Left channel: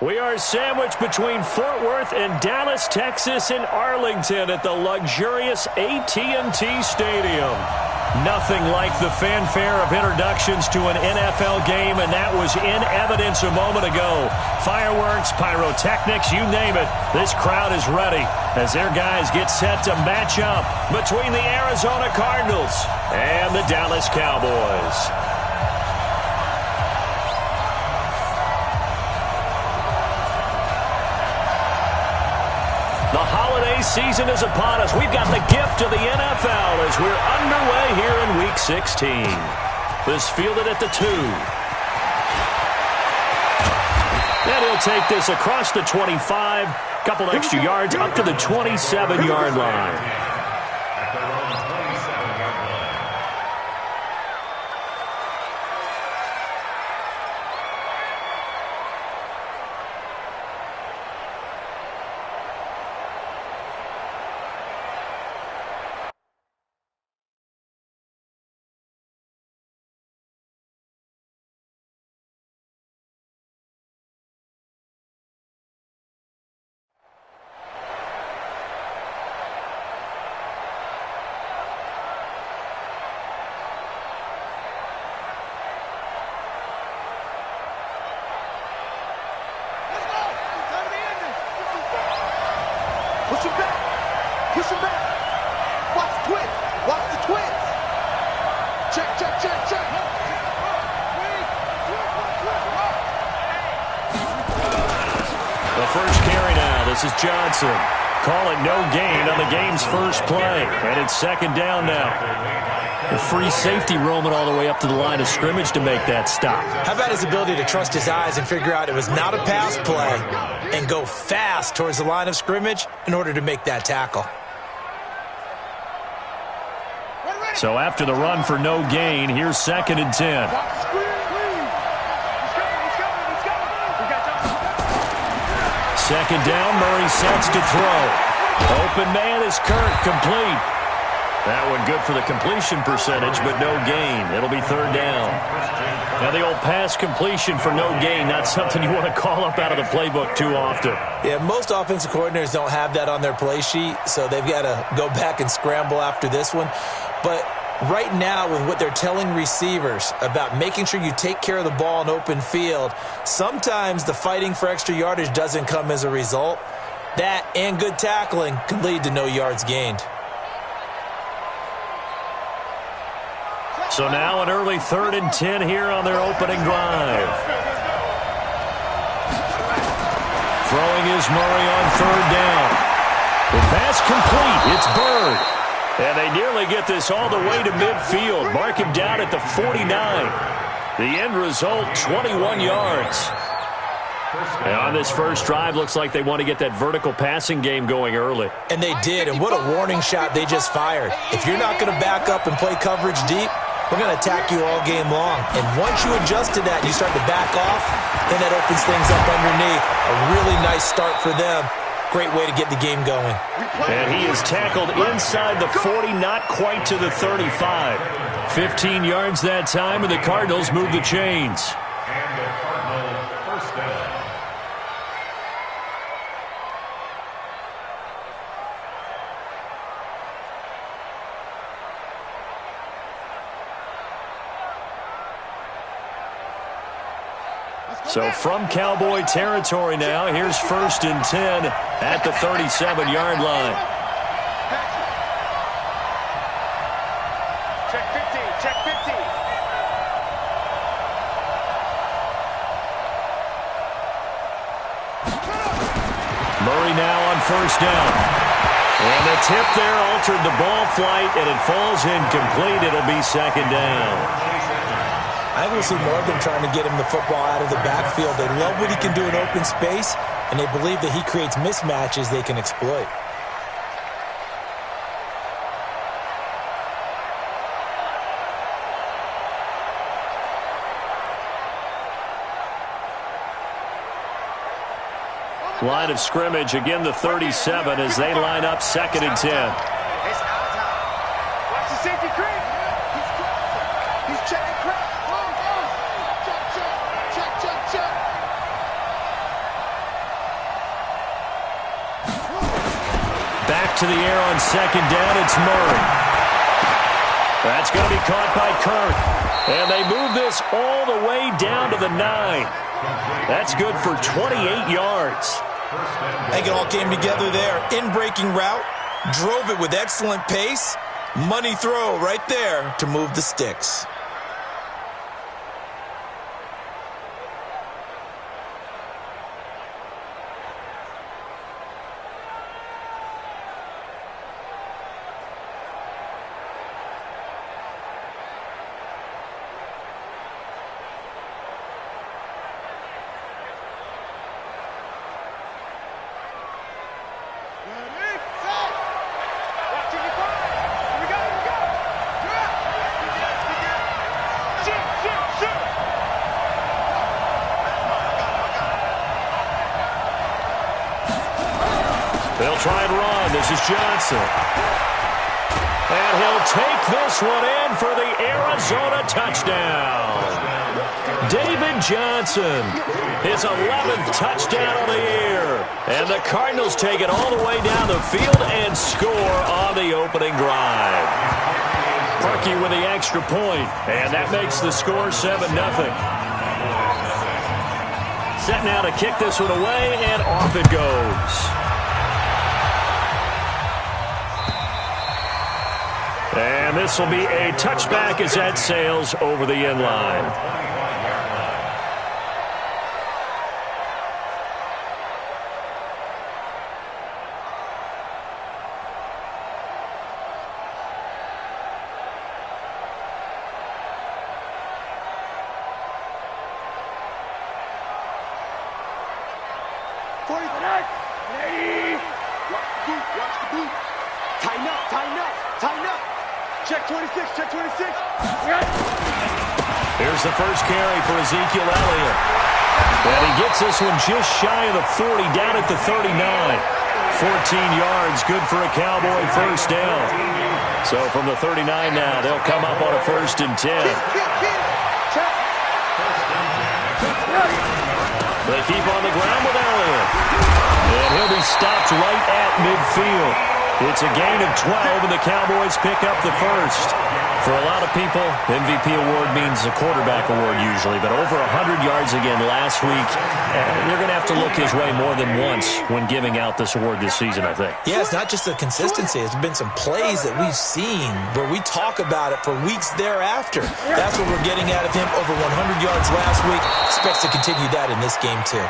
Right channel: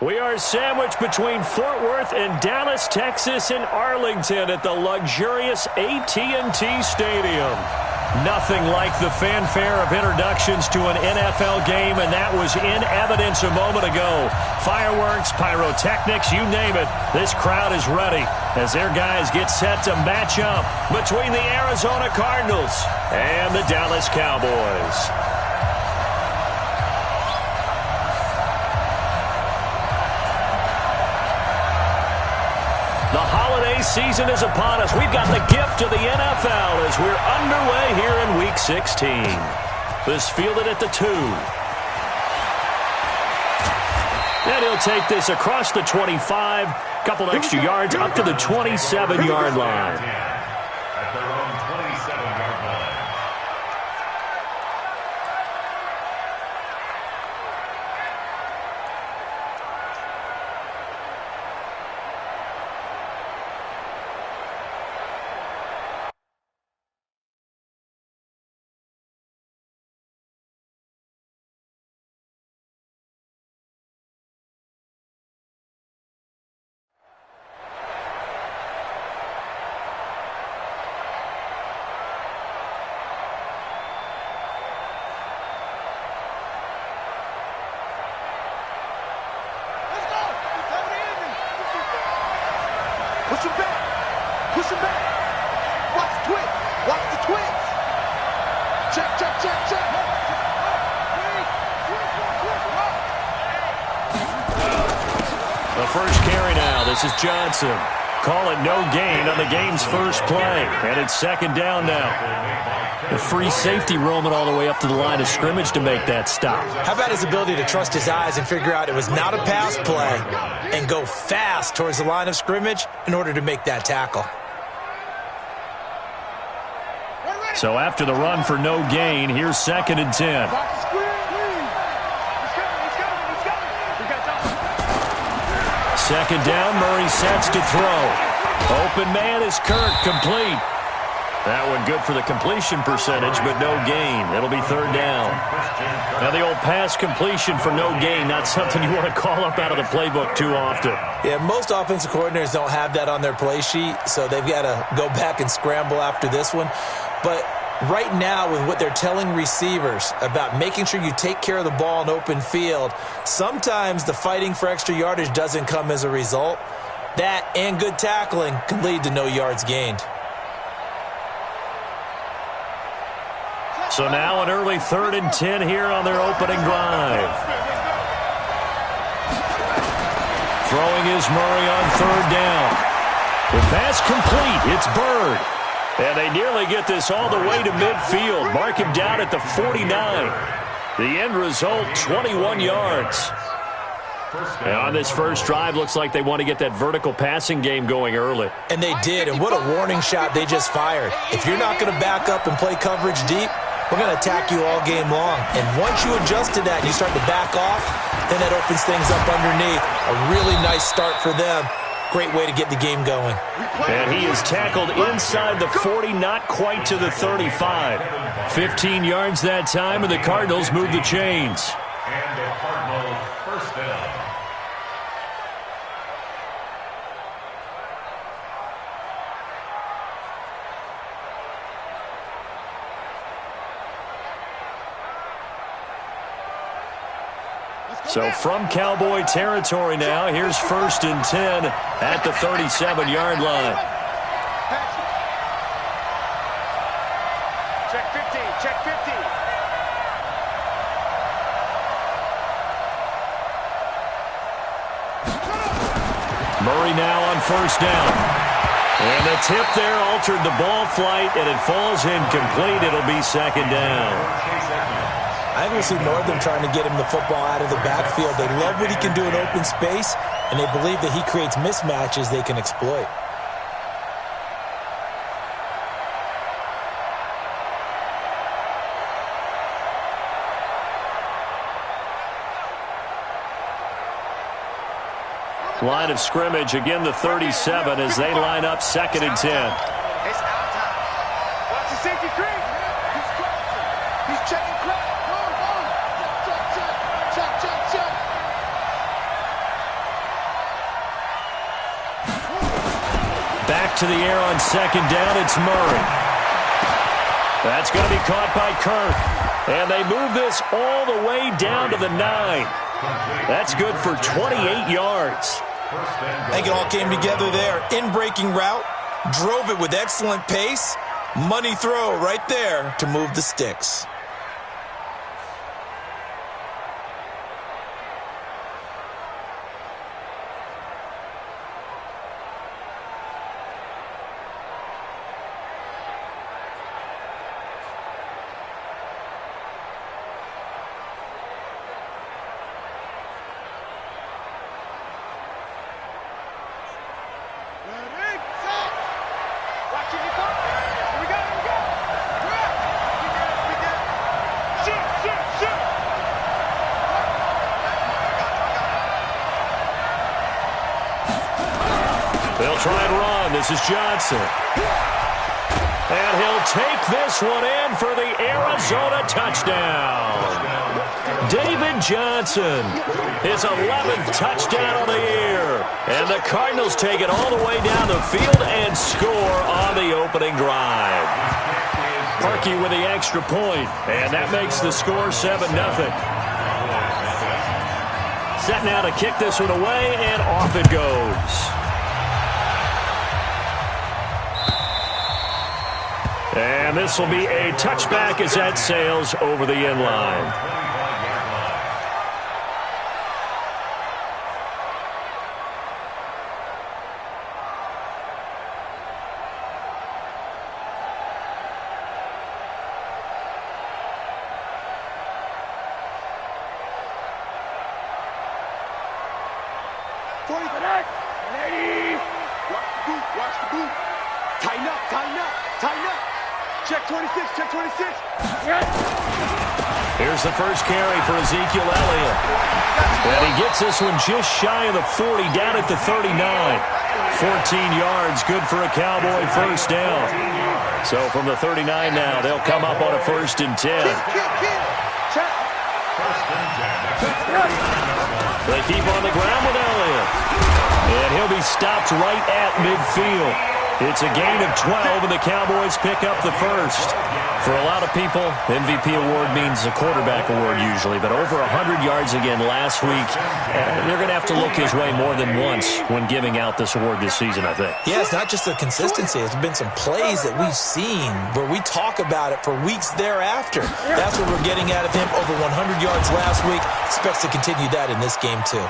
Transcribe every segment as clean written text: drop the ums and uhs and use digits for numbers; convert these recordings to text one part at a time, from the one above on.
We are sandwiched between Fort Worth and Dallas, Texas, and Arlington at the luxurious AT&T Stadium. Nothing like the fanfare of introductions to an NFL game, and that was in evidence a moment ago. Fireworks, pyrotechnics, you name it. This crowd is ready as their guys get set to match up between the Arizona Cardinals and the Dallas Cowboys. The holiday season is upon us. We've got the gift of the NFL as we're underway here in Week 16. This fielded at the 2. And he'll take this across the 25, couple extra yards up to the 27-yard line. At their own 27-yard line. Push him back. Push him back. Watch the twist. Watch the twist. Check, check, check, check. The first carry now. This is Johnson. Call it no gain on the game's first play. And it's second down now. The free safety roaming all the way up to the line of scrimmage to make that stop. How about his ability to trust his eyes and figure out it was not a pass play and go fast towards the line of scrimmage in order to make that tackle. So after the run for no gain, here's second and 10. Second down, Murray sets to throw. Open man is Kirk, complete. That one good for the completion percentage, but no gain. It'll be third down. Now the old pass completion for no gain, not something you want to call up out of the playbook too often. Yeah, most offensive coordinators don't have that on their play sheet, so they've got to go back and scramble after this one. But right now, with what they're telling receivers about making sure you take care of the ball in open field, sometimes the fighting for extra yardage doesn't come as a result. That and good tackling can lead to no yards gained. So now an early 3rd and 10 here on their opening drive. Throwing is Murray on third down. The pass complete. It's Bird. And they nearly get this all the way to midfield. Mark him down at the 49. The end result, 21 yards. And on this first drive, looks like they want to get that vertical passing game going early. And they did, and what a warning shot they just fired. If you're not going to back up and play coverage deep, we're going to attack you all game long. And once you adjust to that and you start to back off, then that opens things up underneath. A really nice start for them. Great way to get the game going. And he is tackled inside the 40, not quite to the 35. 15 yards that time, and the Cardinals move the chains. And the Cardinals first down. So from Cowboy territory now, here's 1st and 10 at the 37-yard line. Check 50, check 50. Murray now on first down. And the tip there altered the ball flight, and it falls incomplete. It'll be second down. I think we'll see more of them trying to get him the football out of the backfield. They love what he can do in open space, and they believe that he creates mismatches they can exploit. Line of scrimmage, again the 37 as they line up 2nd and 10. It's our time. Watch the safety creep. He's crossing. He's checking crack. Check, check, check, check. Back to the air on second down. It's Murray. That's going to be caught by Kirk. And they move this all the way down to the 9. That's good for 28 yards. I think it all came together there. In-breaking route, drove it with excellent pace. Money throw right there to move the sticks. Ready, set. Watch it, you fire. Here we go, here we go. Drop. We get it. Shoot. That's mine, I got it. They'll try and run. This is Johnson. And he'll take this one in for the Arizona touchdown. David Johnson, his 11th touchdown of the year. And the Cardinals take it all the way down the field and score on the opening drive. Parkey with the extra point, and that makes the score 7-0. Set now to kick this one away, and off it goes. And this will be a touchback as that sails over the end line. Watch the boot. Tighten up. Check 26. Here's the first carry for Ezekiel Elliott. And he gets this one just shy of the 40, down at the 39. 14 yards, good for a Cowboy first down. So from the 39 now, they'll come up on a 1st and 10. Check. They keep on the ground with Elliott. And he'll be stopped right at midfield. It's a gain of 12, and the Cowboys pick up the first. For a lot of people, MVP award means a quarterback award usually, but over 100 yards again last week. They're going to have to look his way more than once when giving out this award this season, I think. Yeah, it's not just the consistency. It's been some plays that we've seen where we talk about it for weeks thereafter. That's what we're getting out of him. Over 100 yards last week. Expects to continue that in this game, too.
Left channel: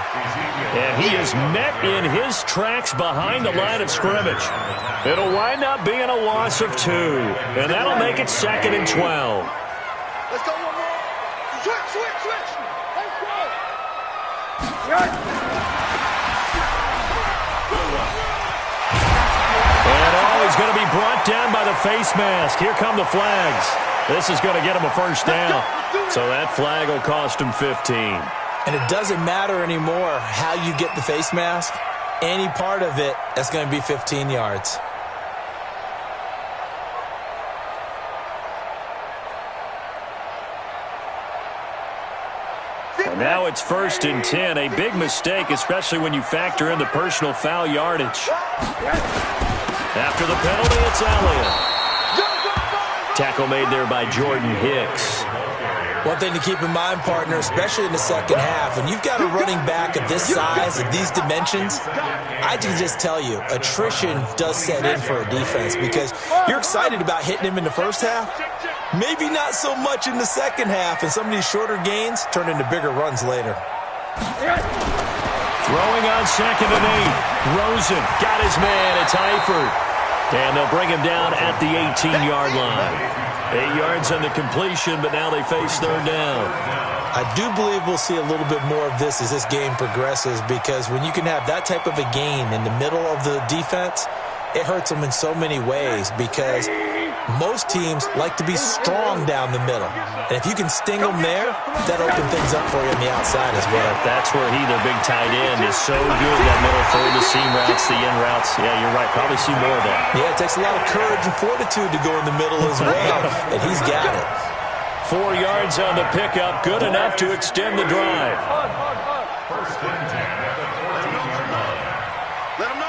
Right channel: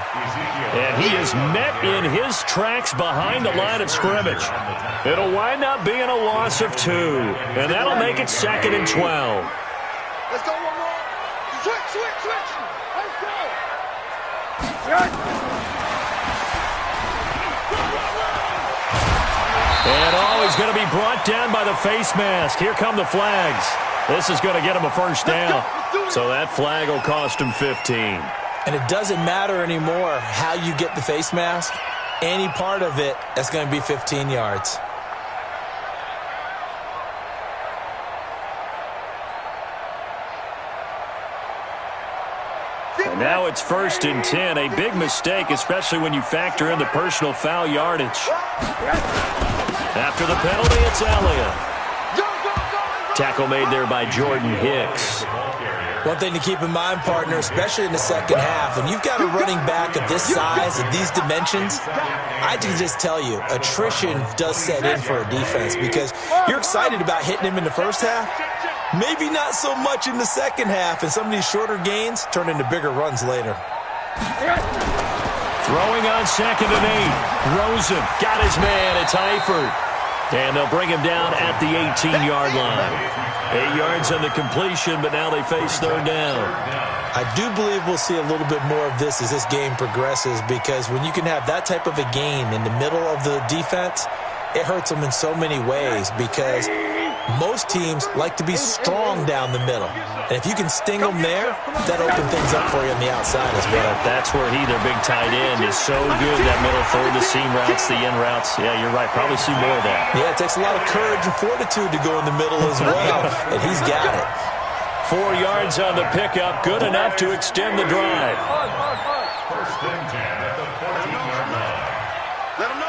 And he is met in his tracks behind the line of scrimmage. It'll wind up being a loss of 2, and that'll make it 2nd and 12. Let's go one more. Switch. Let's go. And he's going to be brought down by the face mask. Here come the flags. This is going to get him a first down. So that flag will cost him 15. And it doesn't matter anymore how you get the face mask. Any part of it, that's going to be 15 yards. And now it's 1st and 10. A big mistake, especially when you factor in the personal foul yardage. After the penalty, it's Elliott. Tackle made there by Jordan Hicks. One thing to keep in mind, partner, especially in the second half, when you've got a running back of this size, of these dimensions, I can just tell you, attrition does set in for a defense because you're excited about hitting him in the first half. Maybe not so much in the second half, and some of these shorter gains turn into bigger runs later. Throwing on 2nd and 8. Rosen got his man. It's Eifert. And they'll bring him down at the 18-yard line. 8 yards on the completion, but now they face 3rd down. I do believe we'll see a little bit more of this as this game progresses because when you can have that type of a gain in the middle of the defense, it hurts them in so many ways because most teams like to be strong down the middle. And if you can sting them there, that'll open things up for you on the outside as well. That's where their big tight end, is so good. That middle third, the seam routes, the in routes. Yeah, you're right. Probably see more of that. Yeah, it takes a lot of courage and fortitude to go in the middle as well. And he's got it. 4 yards on the pickup. Good enough to extend the drive. 1st and 10 at the 14-yard line. Let him know.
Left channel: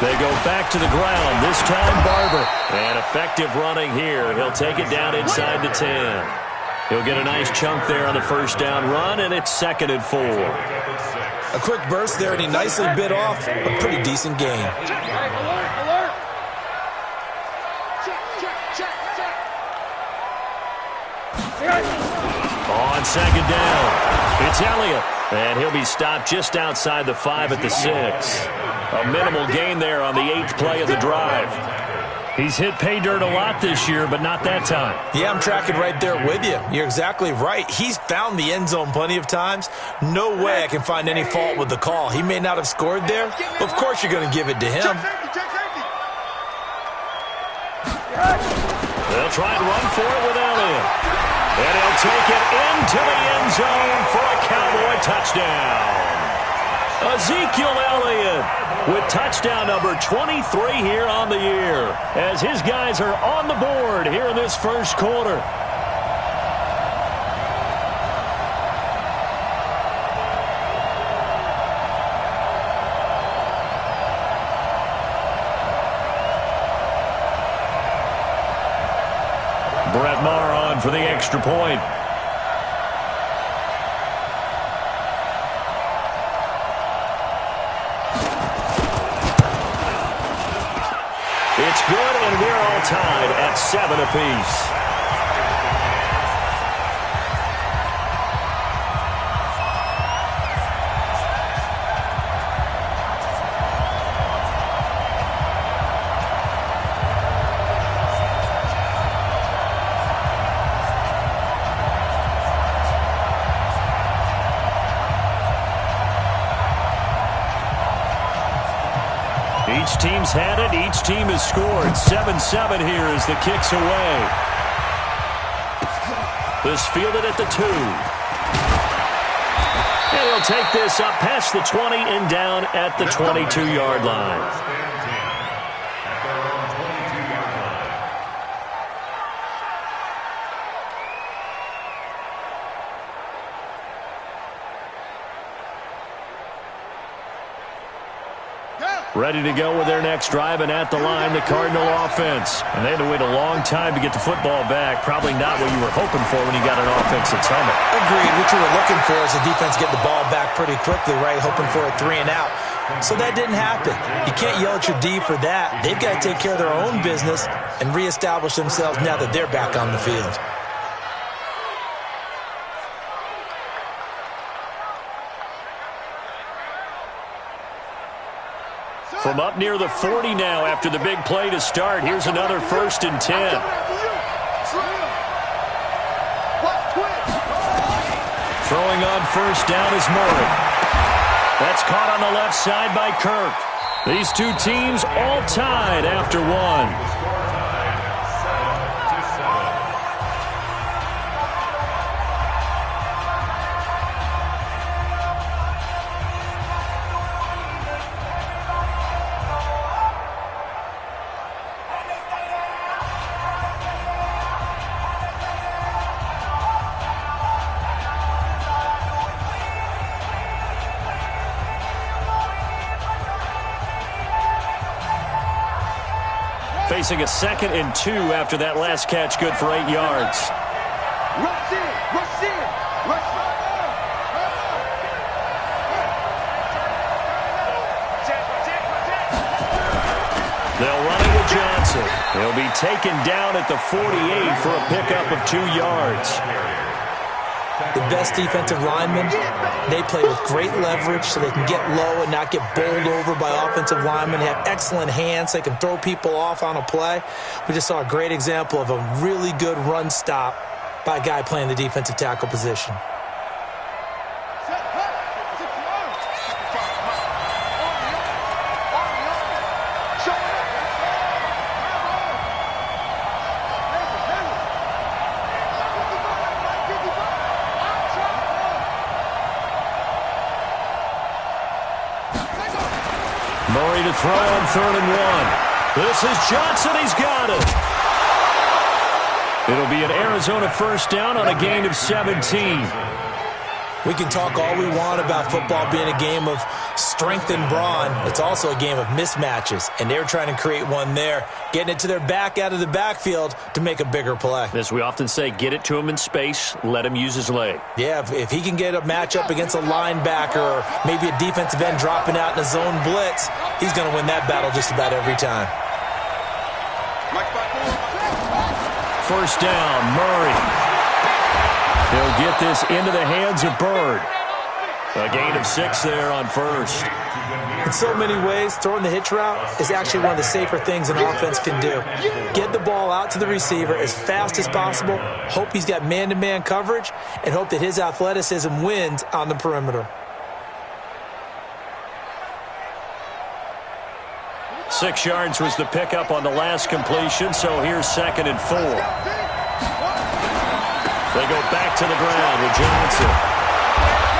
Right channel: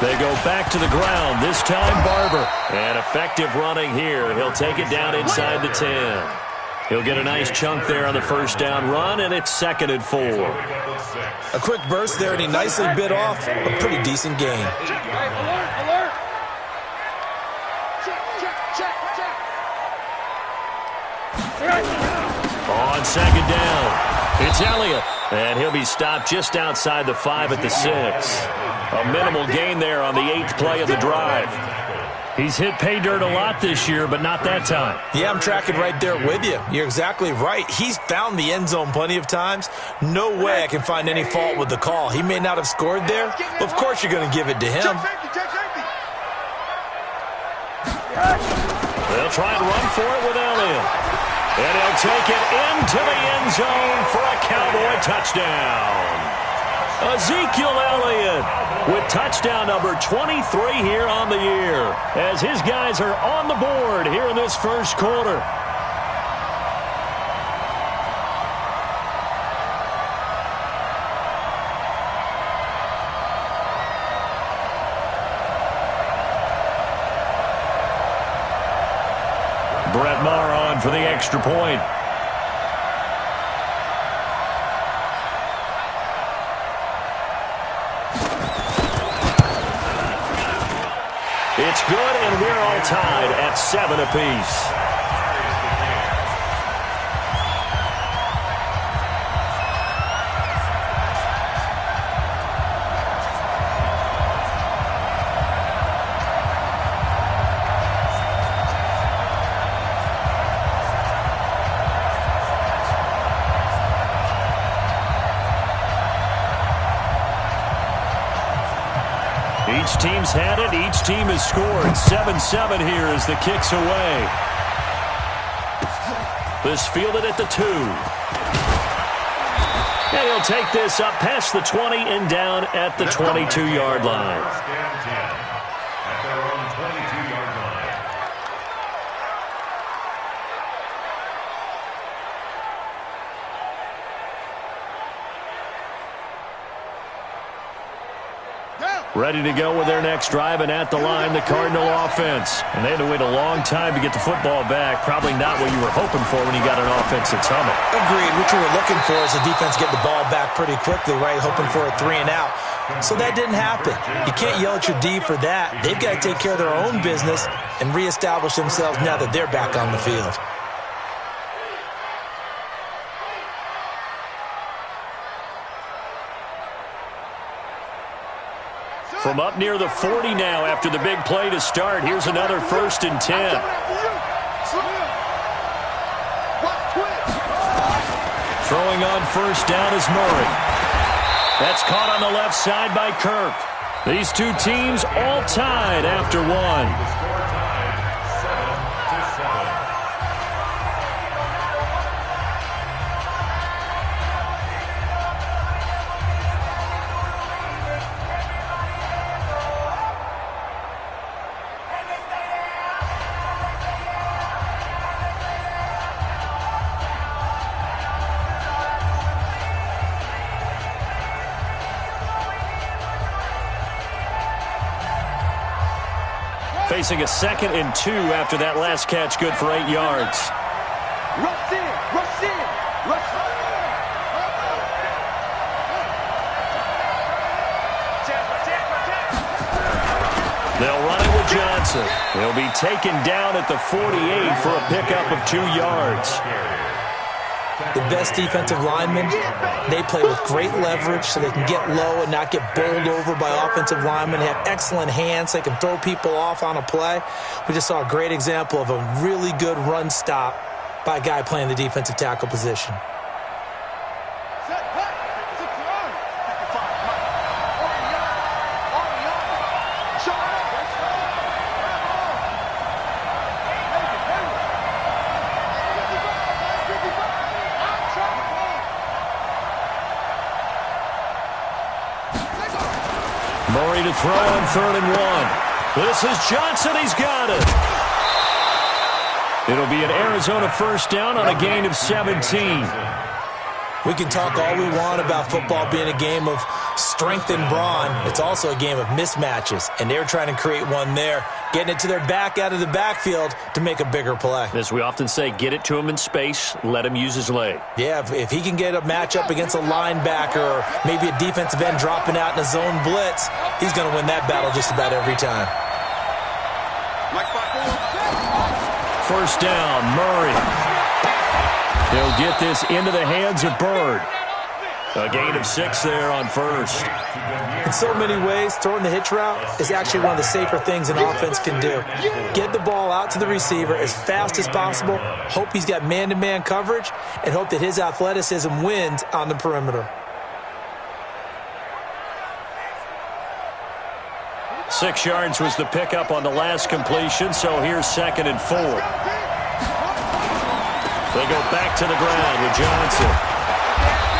They go back to the ground, this time Barber. And effective running here. He'll take it down inside the 10. He'll get a nice chunk there on the first down run, and it's 2nd and 4. A quick burst there, and he nicely bit off a pretty decent gain. Alert! Check. On 2nd down, it's Elliott. And he'll be stopped just outside the 5 at the 6. A minimal gain there on the 8th play of the drive. He's hit pay dirt a lot this year, but not that time. Yeah, I'm tracking right there with you. You're exactly right. He's found the end zone plenty of times. No way I can find any fault with the call. He may not have scored there, but of course you're going to give it to him. They'll try and run for it with Elliott. And he'll take it into the end zone for a Cowboy touchdown. Ezekiel Elliott with touchdown number 23 here on the year, as his guys are on the board here in this first quarter. Brett Maher on for the extra point. It's good, and we're all tied at 7 apiece. Each team's had it. Each team has scored. 7-7 here as the kick's away. This fielded at the 2. And he'll take this up past the 20 and down at the 22-yard line. At their own 22-yard line. Ready to go with their next drive, and at the line, the Cardinal offense. And they had to wait a long time to get the football back. Probably not what you were hoping for when you got an offense that's humming. Agreed. What you were looking for is the defense get the ball back pretty quickly, right? Hoping for a 3 and out. So that didn't happen. You can't yell at your D for that. They've got to take care of their own business and reestablish themselves now that they're back on the field. From up near the 40 now after the big play to start. Here's another 1st and 10. Throwing on first down is Murray. That's caught on the left side by Kirk. These two teams all tied after 1. The score tied 7-7. Facing a 2nd and 2 after that last catch, good for 8 yards. Rush in. They'll run it with Johnson. He'll be taken down at the 48 for a pickup of 2 yards. The best defensive linemen, they play with great leverage so they can get low and not get bowled over by offensive linemen. They have excellent hands. They can throw people off on a play. We just saw a great example of a really good run stop by a guy playing the defensive tackle position. Murray to throw on 3rd and 1. This is Johnson. He's got it. It'll be an Arizona first down on a gain of 17. We can talk all we want about football being a game of strength and brawn. It's also a game of mismatches, and they're trying to create one there, getting it to their back out of the backfield to make a bigger play. As we often say, get it to him in space, let him use his leg. Yeah, if he can get a matchup against a linebacker or maybe a defensive end dropping out in a zone blitz, he's going to win that battle just about every time. First down, Murray. He'll get this into the hands of Bird. A gain of 6 there on first. In so many ways, throwing the hitch route is actually one of the safer things an offense can do. Get the ball out to the receiver as fast as possible, hope he's got man-to-man coverage, and hope that his athleticism wins on the perimeter. 6 yards was the pickup on the last completion, so here's 2nd and 4. They go back to the ground with Johnson.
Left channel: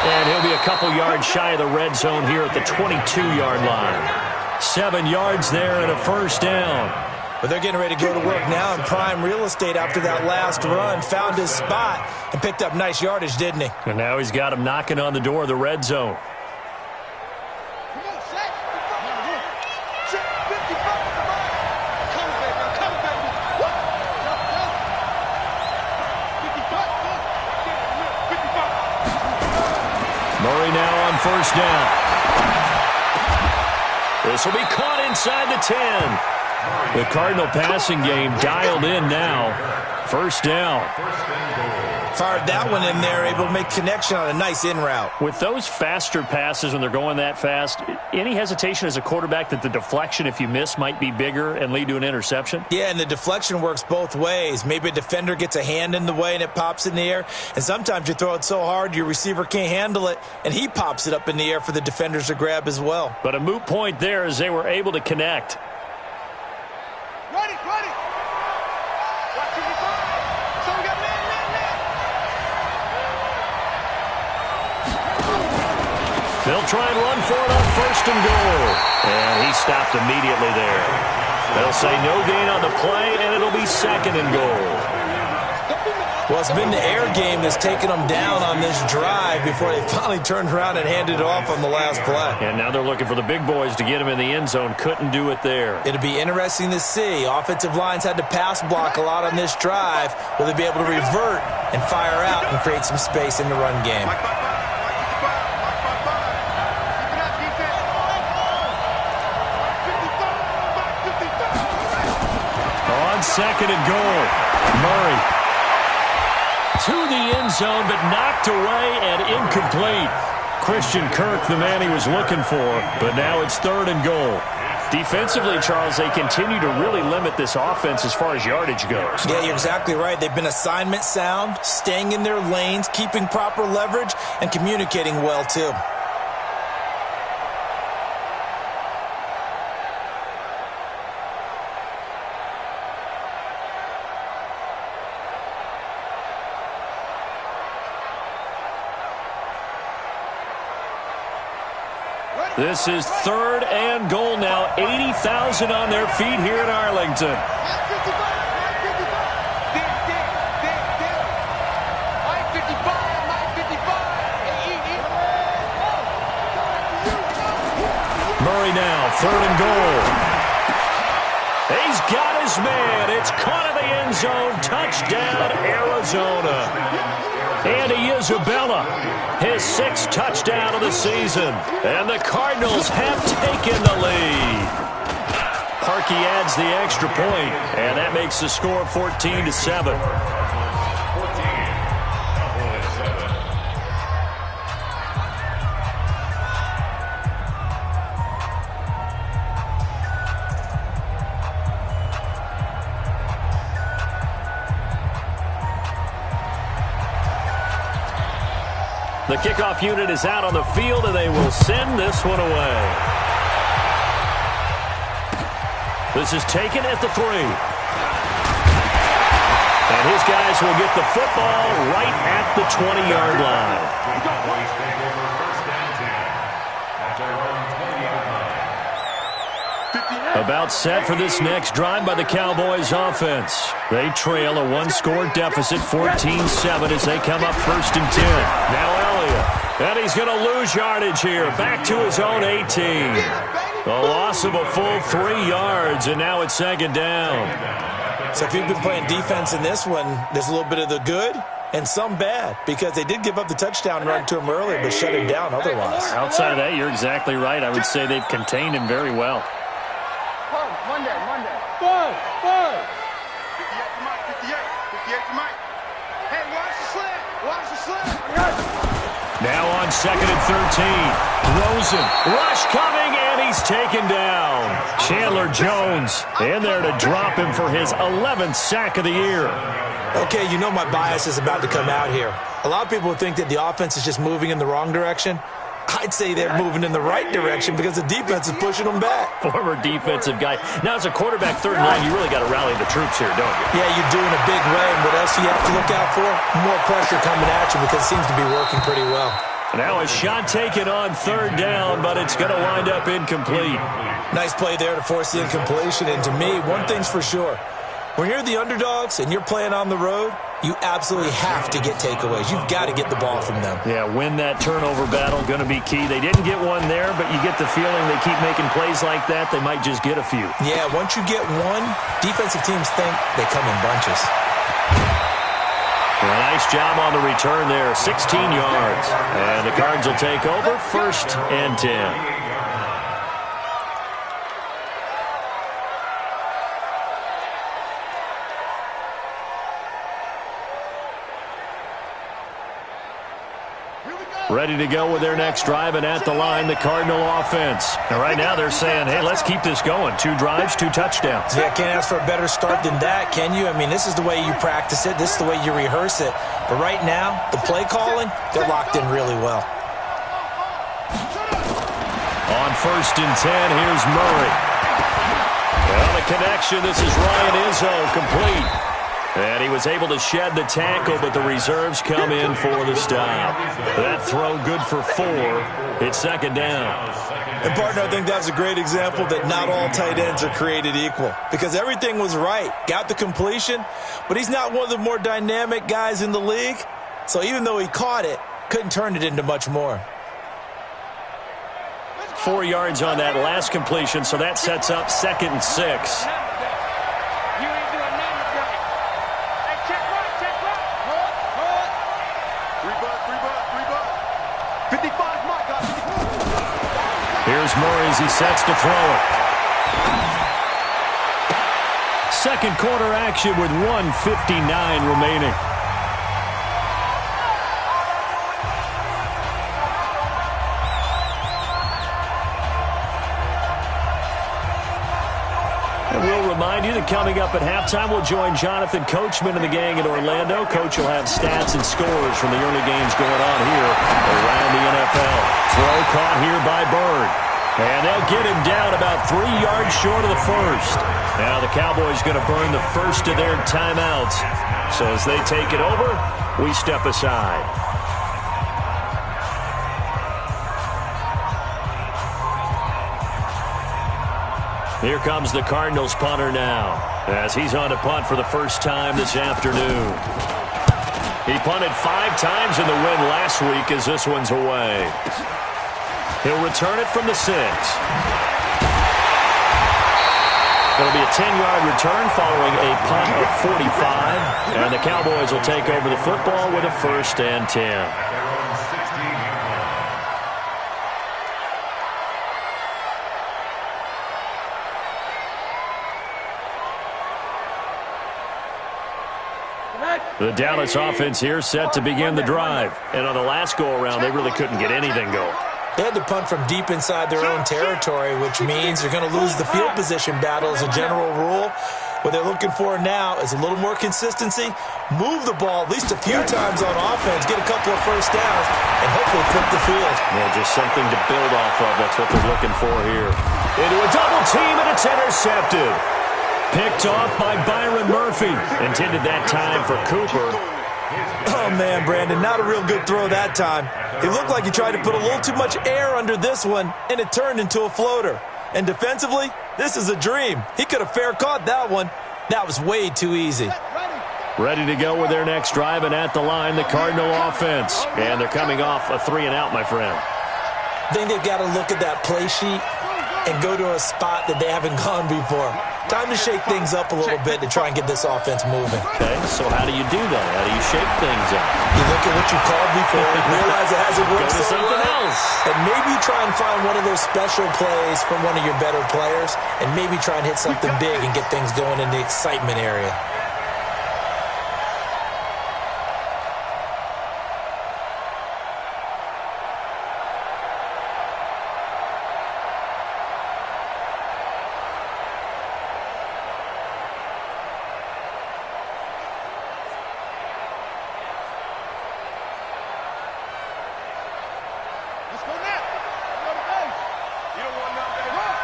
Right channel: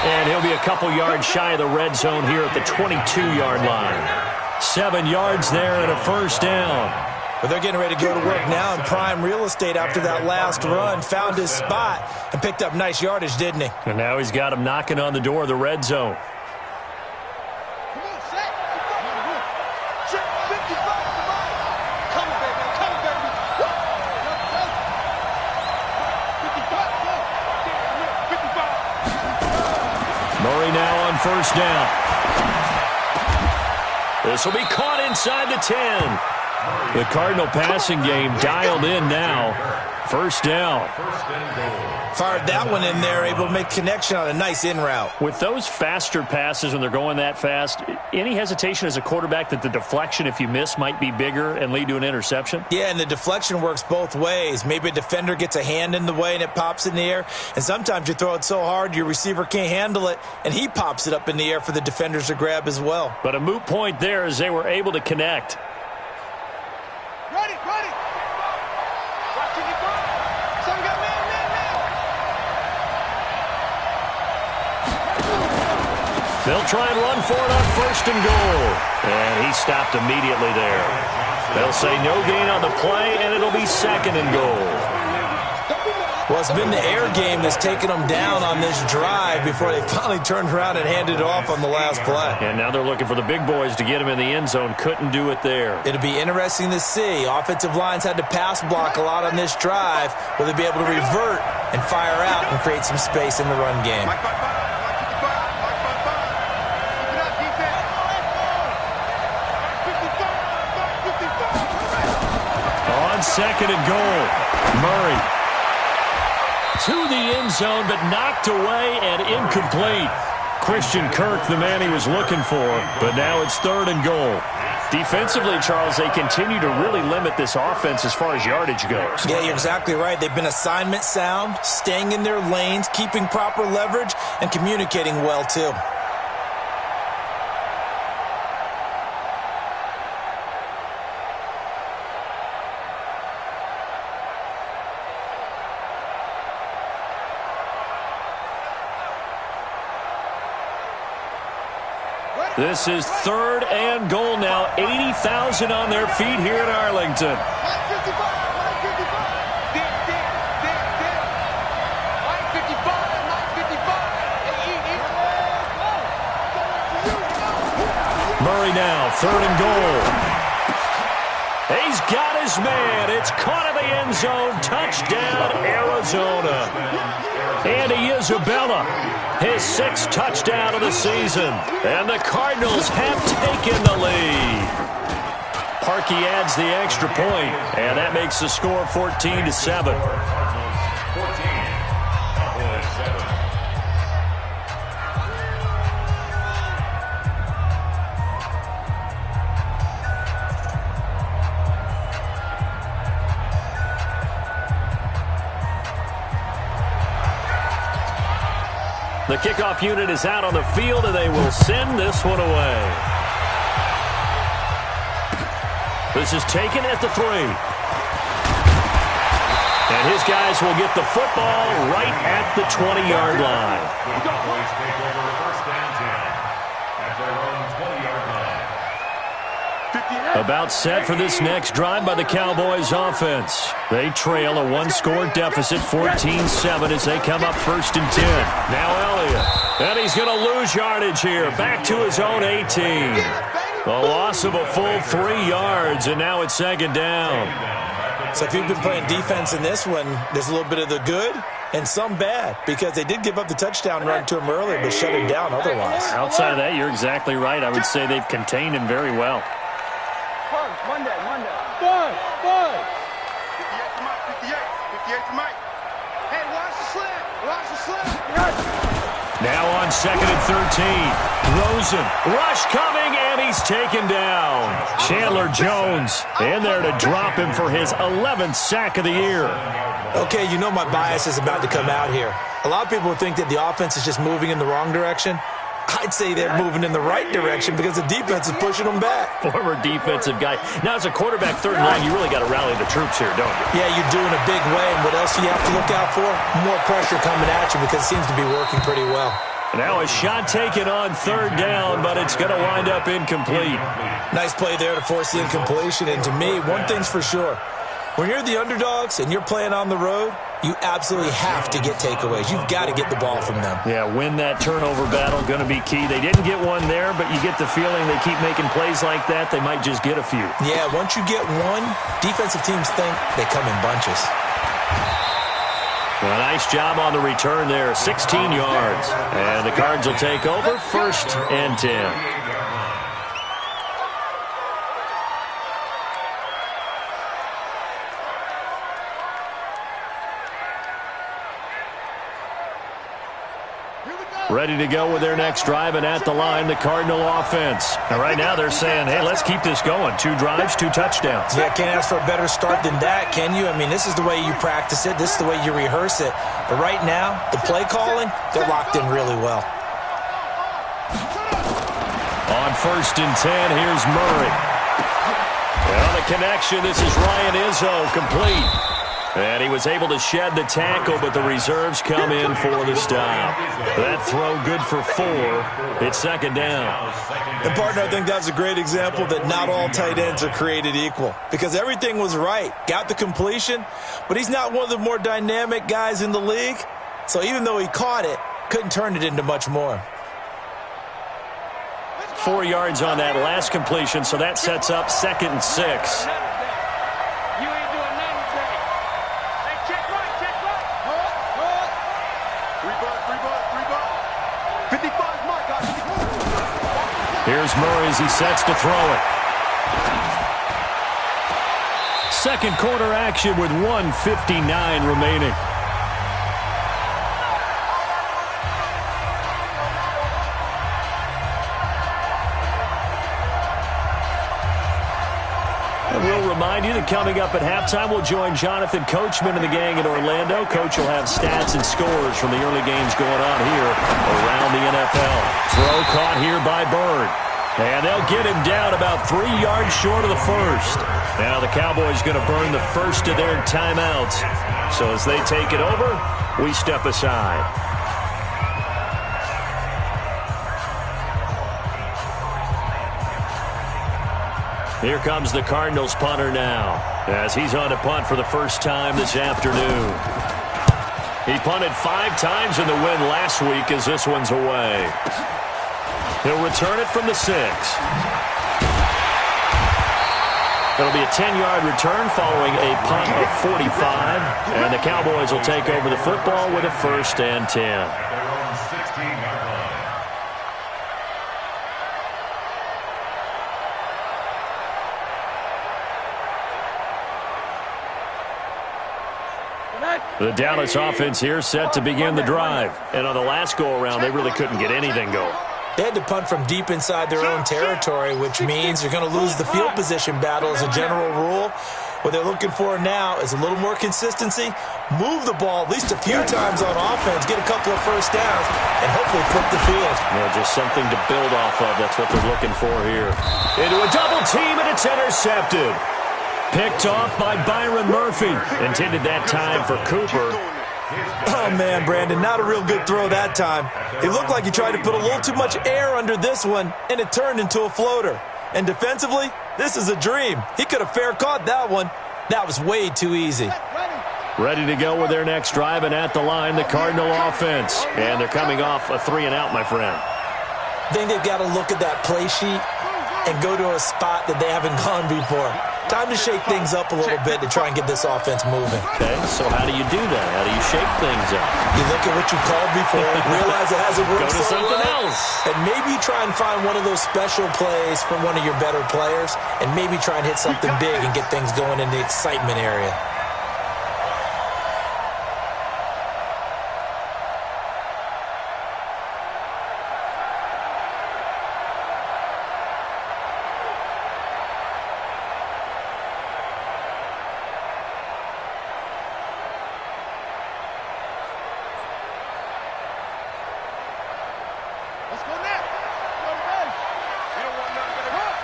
And he'll be a couple yards shy of the red zone here at the 22-yard line. 7 yards there and a first down. But they're getting ready to go to work now in prime real estate after that last run. Found his spot and picked up nice yardage, didn't he? And now he's got him knocking on the door of the red zone. Come on, Shaq. Shaq, 55 to mine. Come on, baby. Come on, baby. Woo! 55, go. 55. Murray now on first down. This will be caught inside the 10. The Cardinal passing game dialed in now. First down. Fired that one in there, able to make connection on a nice in route. With those faster passes when they're going that fast, any hesitation as a quarterback that the deflection, if you miss, might be bigger and lead to an interception? Yeah, and the deflection works both ways. Maybe a defender gets a hand in the way and it pops in the air. And sometimes you throw it so hard your receiver can't handle it, and he pops it up in the air for the defenders to grab as well. But a moot point there as they were able to connect. Ready. Watch it, 5. So we got man. They'll try and run for it on first and goal. And he stopped immediately there. They'll say no gain on the play, and it'll be 2nd and goal. Well, it's been the air game that's taken them down on this drive before they finally turned around and handed it off on the last play. And now they're looking for the big boys to get him in the end zone. Couldn't do it there. It'll be interesting to see. Offensive lines had to pass block a lot on this drive. Will they be able to revert and fire out and create some space in the run game? On 2nd and goal, Murray to the end zone, but knocked away and incomplete. Christian Kirk, the man he was looking for, but now it's 3rd and goal. Defensively, Charles, they continue to really limit this offense as far as yardage goes. Yeah, you're exactly right. They've been assignment sound, staying in their lanes, keeping proper leverage, and communicating well, too. This is 3rd and goal now. 80,000 on their feet here in Arlington. Mike 55. Mike 55. Mike 55. Murray now, 3rd and goal. He's got his man. It's caught in the end zone. Touchdown, Arizona. Andy Isabella, his 6th touchdown of the season. And the Cardinals have taken the lead. Parkey adds the extra point, and that makes the score 14-7. The kickoff unit is out on the field, and they will send this one away. This is taken at the 3. And his guys will get the football right at the 20-yard line. The Cowboys take over 1st and 10 at their own 20-yard line. About set for this next drive by the Cowboys offense. They trail a one-score deficit, 14-7, as they come up 1st and 10. Now Elliott, and he's going to lose yardage here. Back to his own 18. A loss of a full 3 yards, and now it's 2nd down. So if you've been playing defense in this one, there's a little bit of the good and some bad, because they did give up the touchdown run to him earlier, but shut him down otherwise. Outside of that, you're exactly right. I would say they've contained him very well. Monday. 58 to Mike, 58 to Mike. Hey, watch the slip. Now on 2nd and 13. Rosen, rush coming, and he's taken down. Chandler Jones in there to drop him for his 11th sack of the year. Okay, you know my bias is about to come out here. A lot of people think that the offense is just moving in the wrong direction. I'd say they're moving in the right direction because the defense is pushing them back. Former defensive guy. Now, as a quarterback, 3rd and 9, you really got to rally the troops here, don't you? Yeah, you do in a big way. And what else do you have to look out for? More pressure coming at you, because it seems to be working pretty well. Now a shot taken on 3rd down, but it's going to wind up incomplete. Nice play there to force the incompletion. And to me, one thing's for sure. When you're the underdogs and you're playing on the road, you absolutely have to get takeaways. You've got to get the ball from them. Yeah, win that turnover battle, going to be key. They didn't get one there, but you get the feeling they keep making plays like that, they might just get a few. Yeah, once you get one, defensive teams think they come in bunches. Well, nice job on the return there, 16 yards. And the Cards will take over, 1st and 10. Ready to go with their next drive, and at the line, the Cardinal offense. And right now they're saying, hey, let's keep this going. 2 drives, 2 touchdowns. Yeah, can't ask for a better start than that, can you? I mean, this is the way you practice it. This is the way you rehearse it. But right now, the play calling, they're locked in really well. On 1st and 10, here's Murray. On the connection, this is Ryan Izzo, complete. And he was able to shed the tackle, but the reserves come in for the stop. That throw good for 4. It's 2nd down. And, partner, I think that's a great example that not all tight ends are created equal, because everything was right. Got the completion, but he's not one of the more dynamic guys in the league. So even though he caught it, couldn't turn it into much more. 4 yards on that last completion, so that sets up 2nd and 6. Here's Murray as he sets to throw it. Second quarter action with 1:59 remaining. And we'll remind you that coming up at halftime, we'll join Jonathan Coachman and the gang in Orlando. Coach will have stats and scores from the early games going on here around the NFL. Throw caught here by Bird. And they'll get him down about 3 yards short of the first. Now the Cowboys going to burn the first of their timeouts. So as they take it over, we step aside. Here comes the Cardinals punter now, as he's on to punt for the first time this afternoon. He punted 5 times in the win last week, as this one's away. He'll return it from the 6. It'll be a 10-yard return following a punt of 45, and the Cowboys will take over the football with a 1st and 10. The Dallas offense here set to begin the drive. And on the last go-around, they really couldn't get anything going. They had to punt from deep inside their own territory, which means they're going to lose the field position battle as a general rule. What they're looking for now is a little more consistency, move the ball at least a few times on offense, get a couple of first downs, and hopefully flip the field. Yeah, just something to build off of. That's what they're looking for here. Into a double team, and it's intercepted. Picked off by Byron Murphy. Intended that time for Cooper. Oh, man, Brandon, not a real good throw that time. It looked like he tried to put a little too much air under this one, and it turned into a floater. And defensively, this is a dream. He could have fair caught that one. That was way too easy. Ready to go with their next drive, and at the line, the Cardinal offense. And they're coming off a 3-and-out, my friend. I think they've got to look at that play sheet and go to a spot that they haven't gone before. Time to shake things up a little bit to try and get this offense moving. Okay, so how do you do that? How do you shake things up? You look at what you called before, realize it hasn't worked Go to so something well, else. and maybe try and find one of those special plays from one of your better players, and maybe try and hit something big and get things going in the excitement area. Let's go now. Go to base. You don't want nothing to run.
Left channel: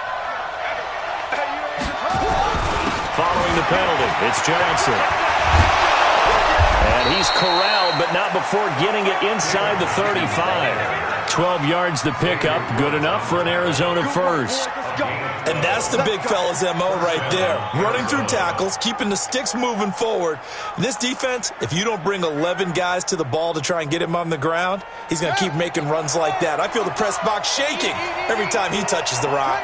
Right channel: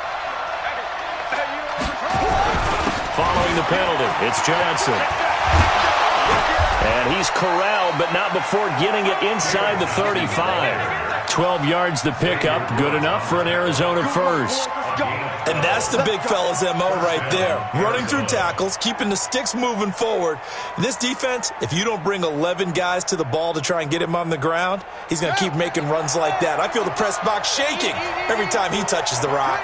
Hey, you don't want to run. Following the penalty, it's Johnson. And he's corralled, but not before getting it inside the 35. 12 yards to pick up, good enough for an Arizona first. And that's the big fella's MO right there. Running through tackles, keeping the sticks moving forward. This defense, if you don't bring 11 guys to the ball to try and get him on the ground, he's going to keep making runs like that. I feel the press box shaking every time he touches the rock.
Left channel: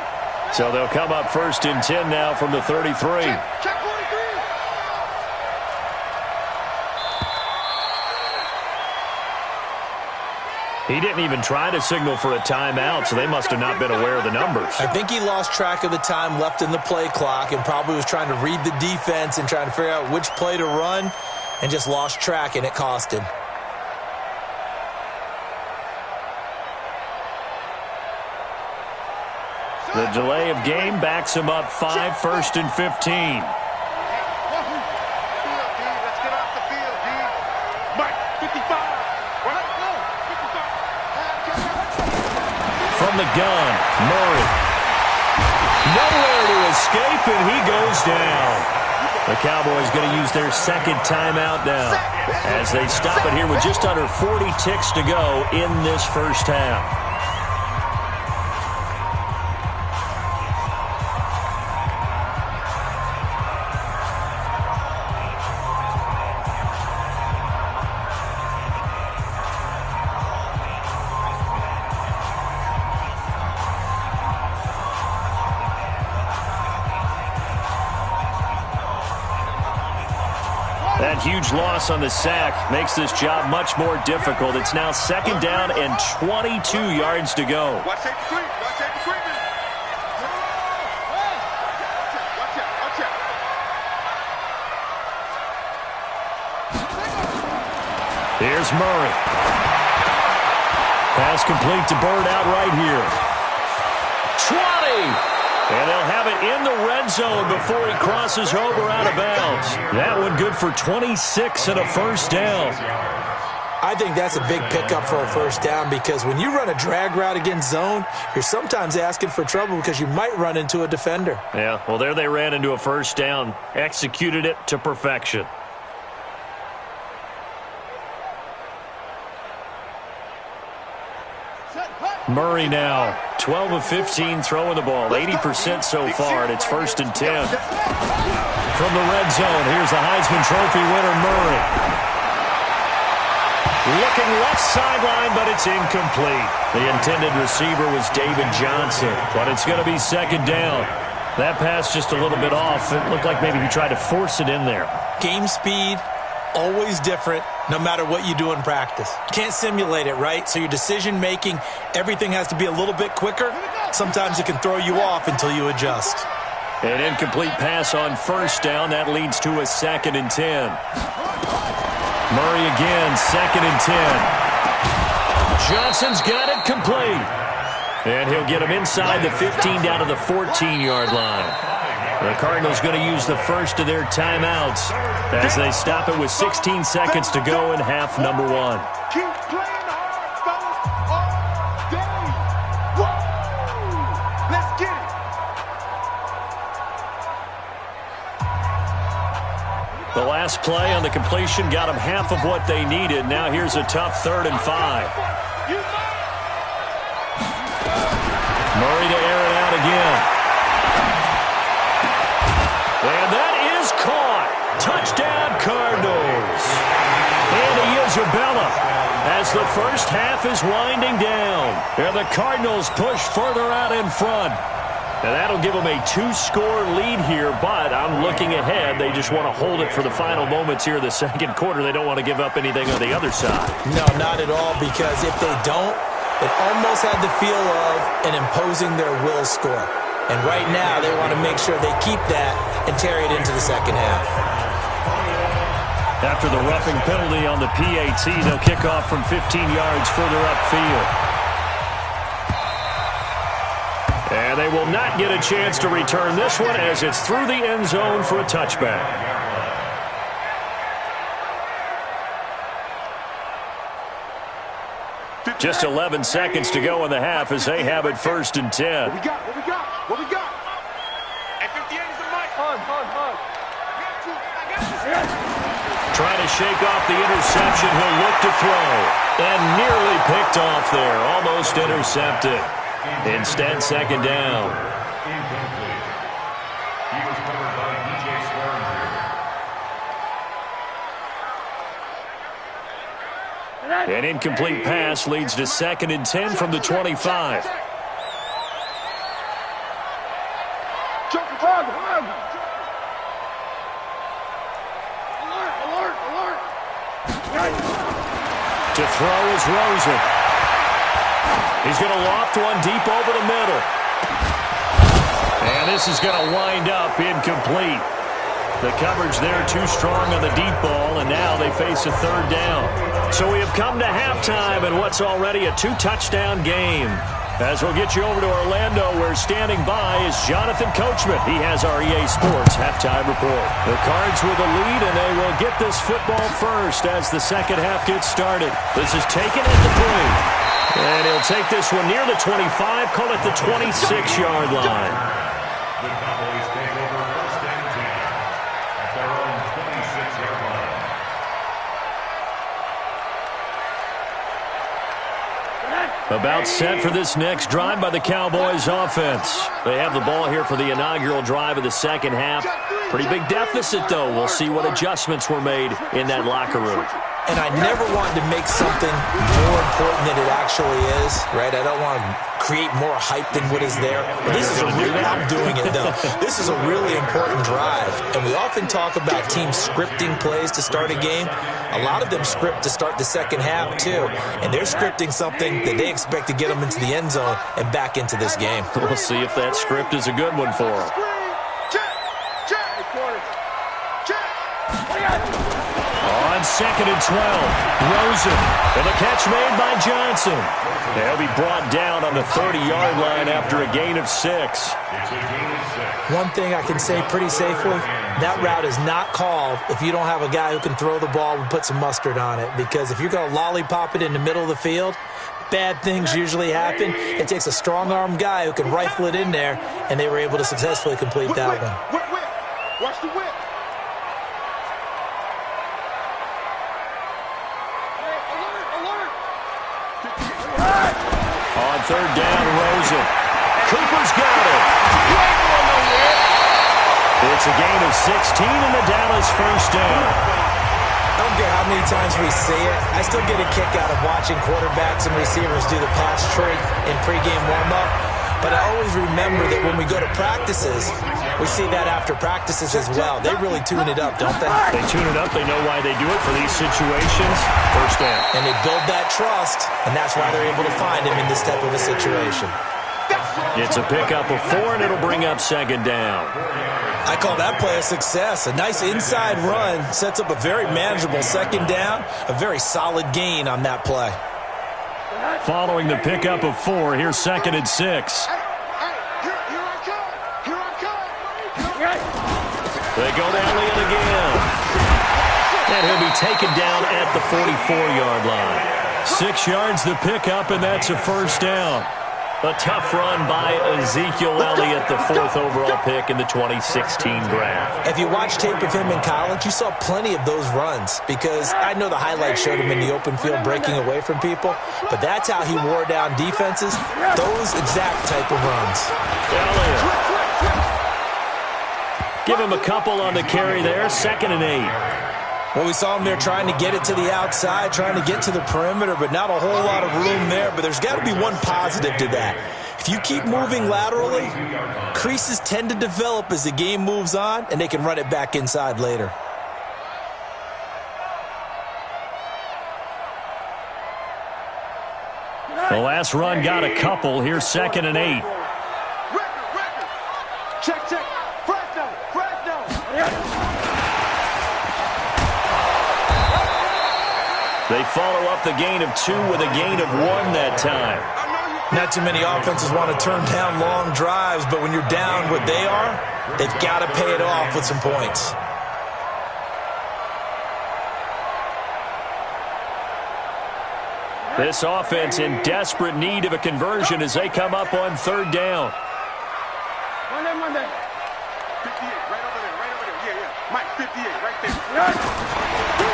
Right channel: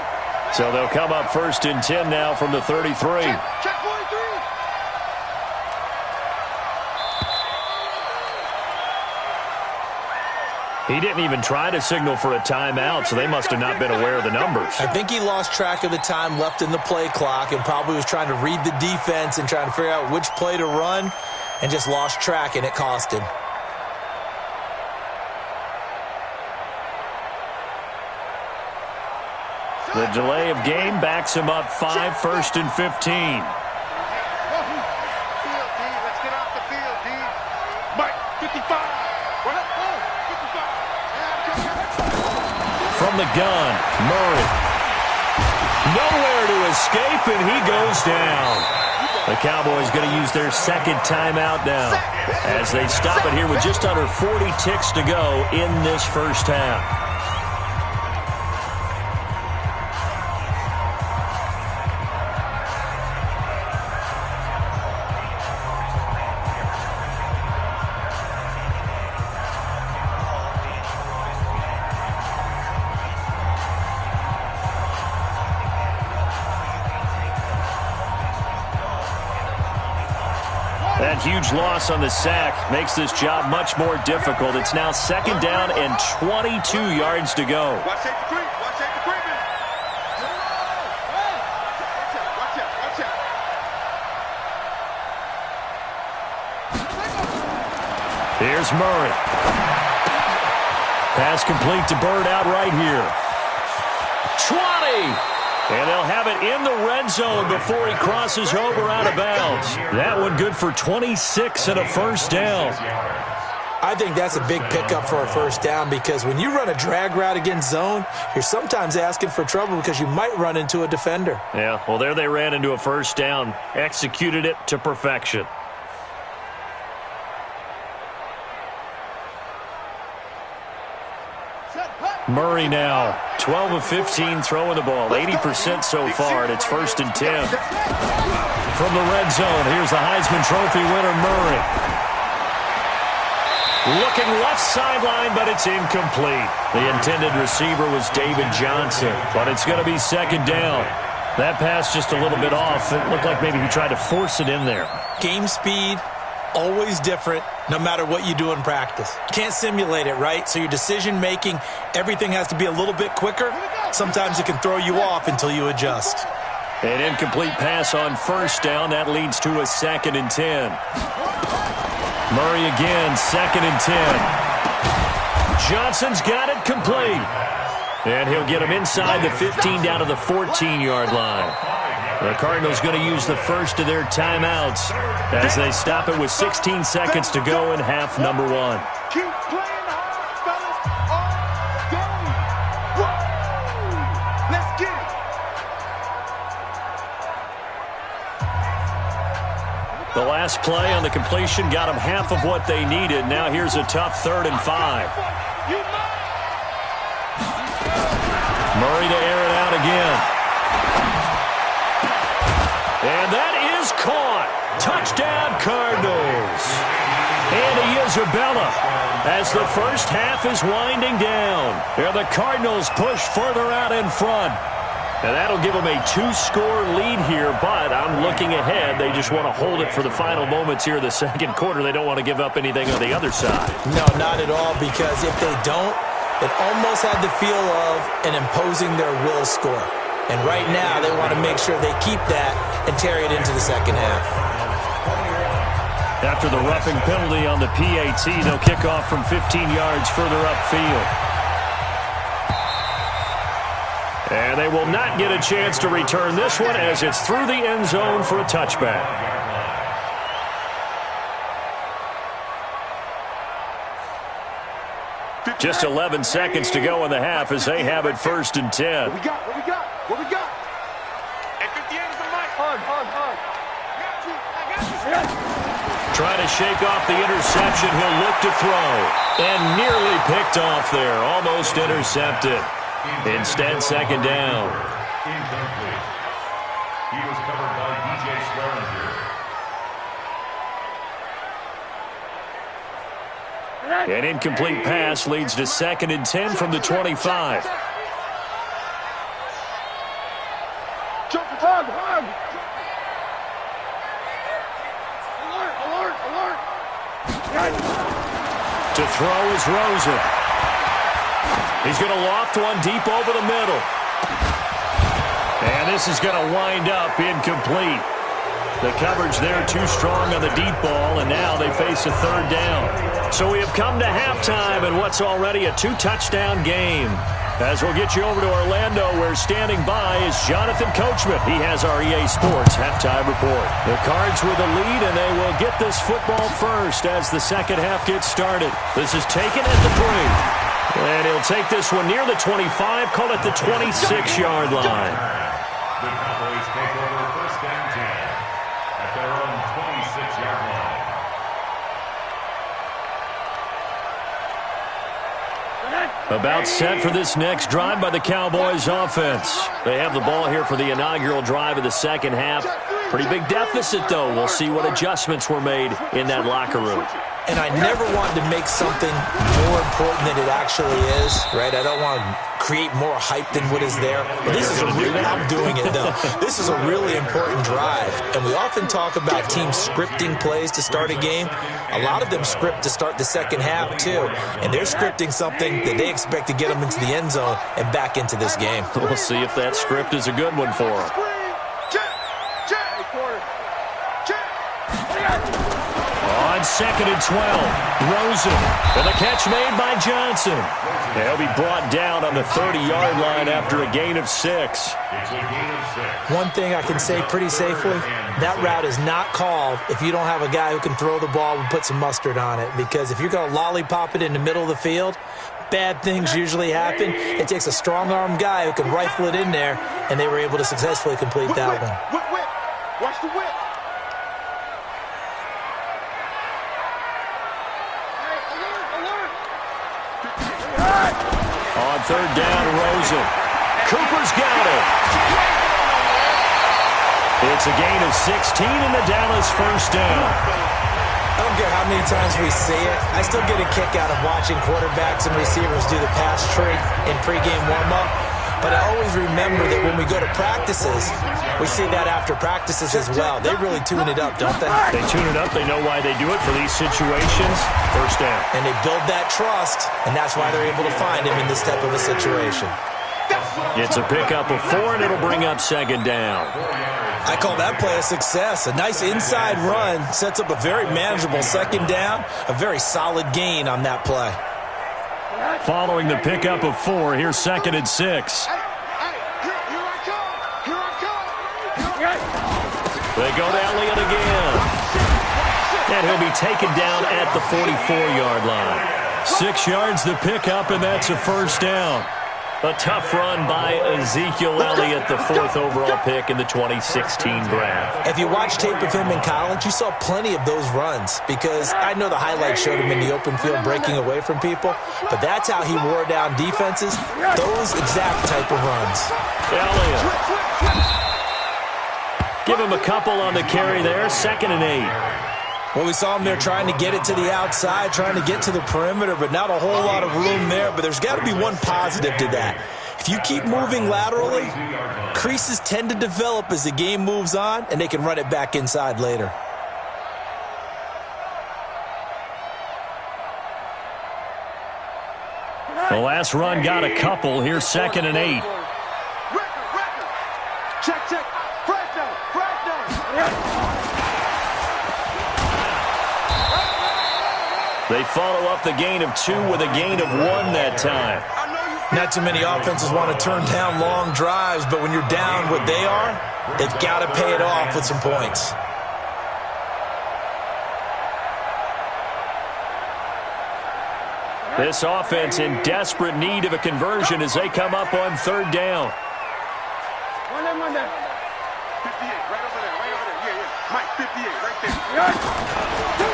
So they'll come up 1st and 10 now from the 33. Check 43. He didn't even try to signal for a timeout, so they must have not been aware of the numbers. I think he lost track of the time left in the play clock and probably was trying to read the defense and trying to figure out which play to run and just lost track, and it cost him. The delay of game backs him up 5, 1st and 15. Field, D. Let's get off the field, D. Mike, 55. What? Oh, 55. From the gun, Murray. Nowhere to escape, and he goes down. The Cowboys going to use their second timeout now as they stop it here with just under 40 ticks to go in this first half. That huge loss on the sack makes this job much more difficult. It's now 2nd down and 22 yards to go. Watch safety creep. Watch safety creeping. Watch out. Watch out. Here's Murray. Pass complete to Bird out right here. 20! And they'll have it in the red zone before he crosses over out of bounds. That one good for 26 and a first down. I think that's a big pickup for a first down because when you run a drag route against zone, you're sometimes asking for trouble because you might run into a defender. Yeah, well, there they ran into a first down, executed it to perfection. Murray now, 12 of 15 throwing the ball, 80% so far, and it's 1st and 10. From the red zone, here's the Heisman Trophy winner, Murray. Looking left sideline, but it's incomplete. The intended receiver was David Johnson, but it's going to be 2nd down. That pass just a little bit off. It looked like maybe he tried to force it in there. Game speed, always different, no matter what you do in practice. You can't simulate it, right? So your decision-making, everything has to be a little bit quicker. Sometimes it can throw you off until you adjust. An incomplete pass on 1st down. That leads to a 2nd and 10. Murray again, 2nd and 10. Johnson's got it complete. And he'll get him inside the 15 down to the 14-yard line. The Cardinals going to use the first of their timeouts as they stop it with 16 seconds to go in half number 1. Keep playing hard, fellas, all day. Woo! Let's get it. The last play on the completion got them half of what they needed. Now here's a tough 3rd and 5. Murray to air it out down again. And that is caught. Touchdown, Cardinals. And Isabella, as the first half is winding down. And the Cardinals push further out in front. And that'll give them a 2-score lead here, but I'm looking ahead. They just want to hold it for the final moments here in the second quarter. They don't want to give up anything on the other side. No, not at all, because if they don't, it almost had the feel of an imposing their will score. And right now, they want to make sure they keep that and carry it into the second half. After the roughing penalty on the PAT, they'll kick off from 15 yards further upfield. And they will not get a chance to return this one as it's through the end zone for a touchback. Just 11 seconds to go in the half as they have it 1st and 10. What we got? What we got? What we got? At 58 is the mic. Hug. I got you. Trying to shake off the interception. He'll look to throw. And nearly picked off there. Almost intercepted. Instead, second down. Incomplete. He was covered by DJ Swearinger. An incomplete pass leads to 2nd and 10 from the 25. Hug. Alert. To throw is Rosen. He's going to loft one deep over the middle. And this is going to wind up incomplete. The coverage there too strong on the deep ball, and now they face a 3rd down. So we have come to halftime in what's already a 2-touchdown game. As we'll get you over to Orlando, where standing by is Jonathan Coachman. He has our EA Sports halftime report. The Cards with a lead, and they will get this football first as the second half gets started. This is taken at the 3. And he'll take this one near the 25, call it the 26-yard line. The Cowboys take over 1st and 10 at their own 26-yard line. About set for this next drive by the Cowboys offense. They have the ball here for the inaugural drive of the second half. Pretty big deficit, though. We'll see what adjustments were made in that locker room. And I never wanted to make something more important than it actually is, right? I don't want to create more hype than what is there. But this is I'm doing it, though. This is a really important drive. And we often talk about teams scripting plays to start a game. A lot of them script to start the second half, too. And they're scripting something that they expect to get them into the end zone and back into this game. We'll see if that script is a good one for them. On 2nd and 12, Rosen, and the catch made by Johnson. They'll be brought down on the 30-yard line after a gain of 6. It's a gain of 6. One thing I can say pretty safely, that route is not called if you don't have a guy who can throw the ball and put some mustard on it. Because if you're going to lollipop it in the middle of the field, bad things usually happen. It takes a strong-armed guy who can rifle it in there, and they were able to successfully complete that one. Whip. Watch the whip. On 3rd down, Rosen. Cooper's got it. It's a gain of 16 in the Dallas 1st down. I don't care how many times we see it. I still get a kick out of watching quarterbacks and receivers do the pass tree in pregame warm-up. But I always remember that when we go to practices, we see that after practices as well. They really tune it up, don't they? They tune it up. They know why they do it for these situations. 1st down. And they build that trust, and that's why they're able to find him in this type of a situation. It's a pickup of 4, and it'll bring up 2nd down. I call that play a success. A nice inside run sets up a very manageable 2nd down, a very solid gain on that play. Following the pickup of 4, here's 2nd and 6. Here I come. They go to Elliott again. And he'll be taken down at the 44-yard line. 6 yards the pickup, and that's a 1st down. A tough run by Ezekiel Elliott, the 4th overall pick in the 2016 draft. If you watch tape of him in college, you saw plenty of those runs because I know the highlights showed him in the open field breaking away from people, but that's how he wore down defenses, those exact type of runs. Elliott. Give him a couple on the carry there, 2nd and 8. Well, we saw him there trying to get it to the outside, trying to get to the perimeter, but not a whole lot of room there. But there's got to be one positive to that. If you keep moving laterally, creases tend to develop as the game moves on, and they can run it back inside later. The last run got a couple. Here's 2nd and 8. Record. Check. Fresno. They follow up the gain of 2 with a gain of 1 that time. Not too many offenses want to turn down long drives, but when you're down what they are, they've got to pay it off with some points. This offense in desperate need of a conversion as they come up on 3rd down. 58, right over there. Yeah. Mike, 58, right there.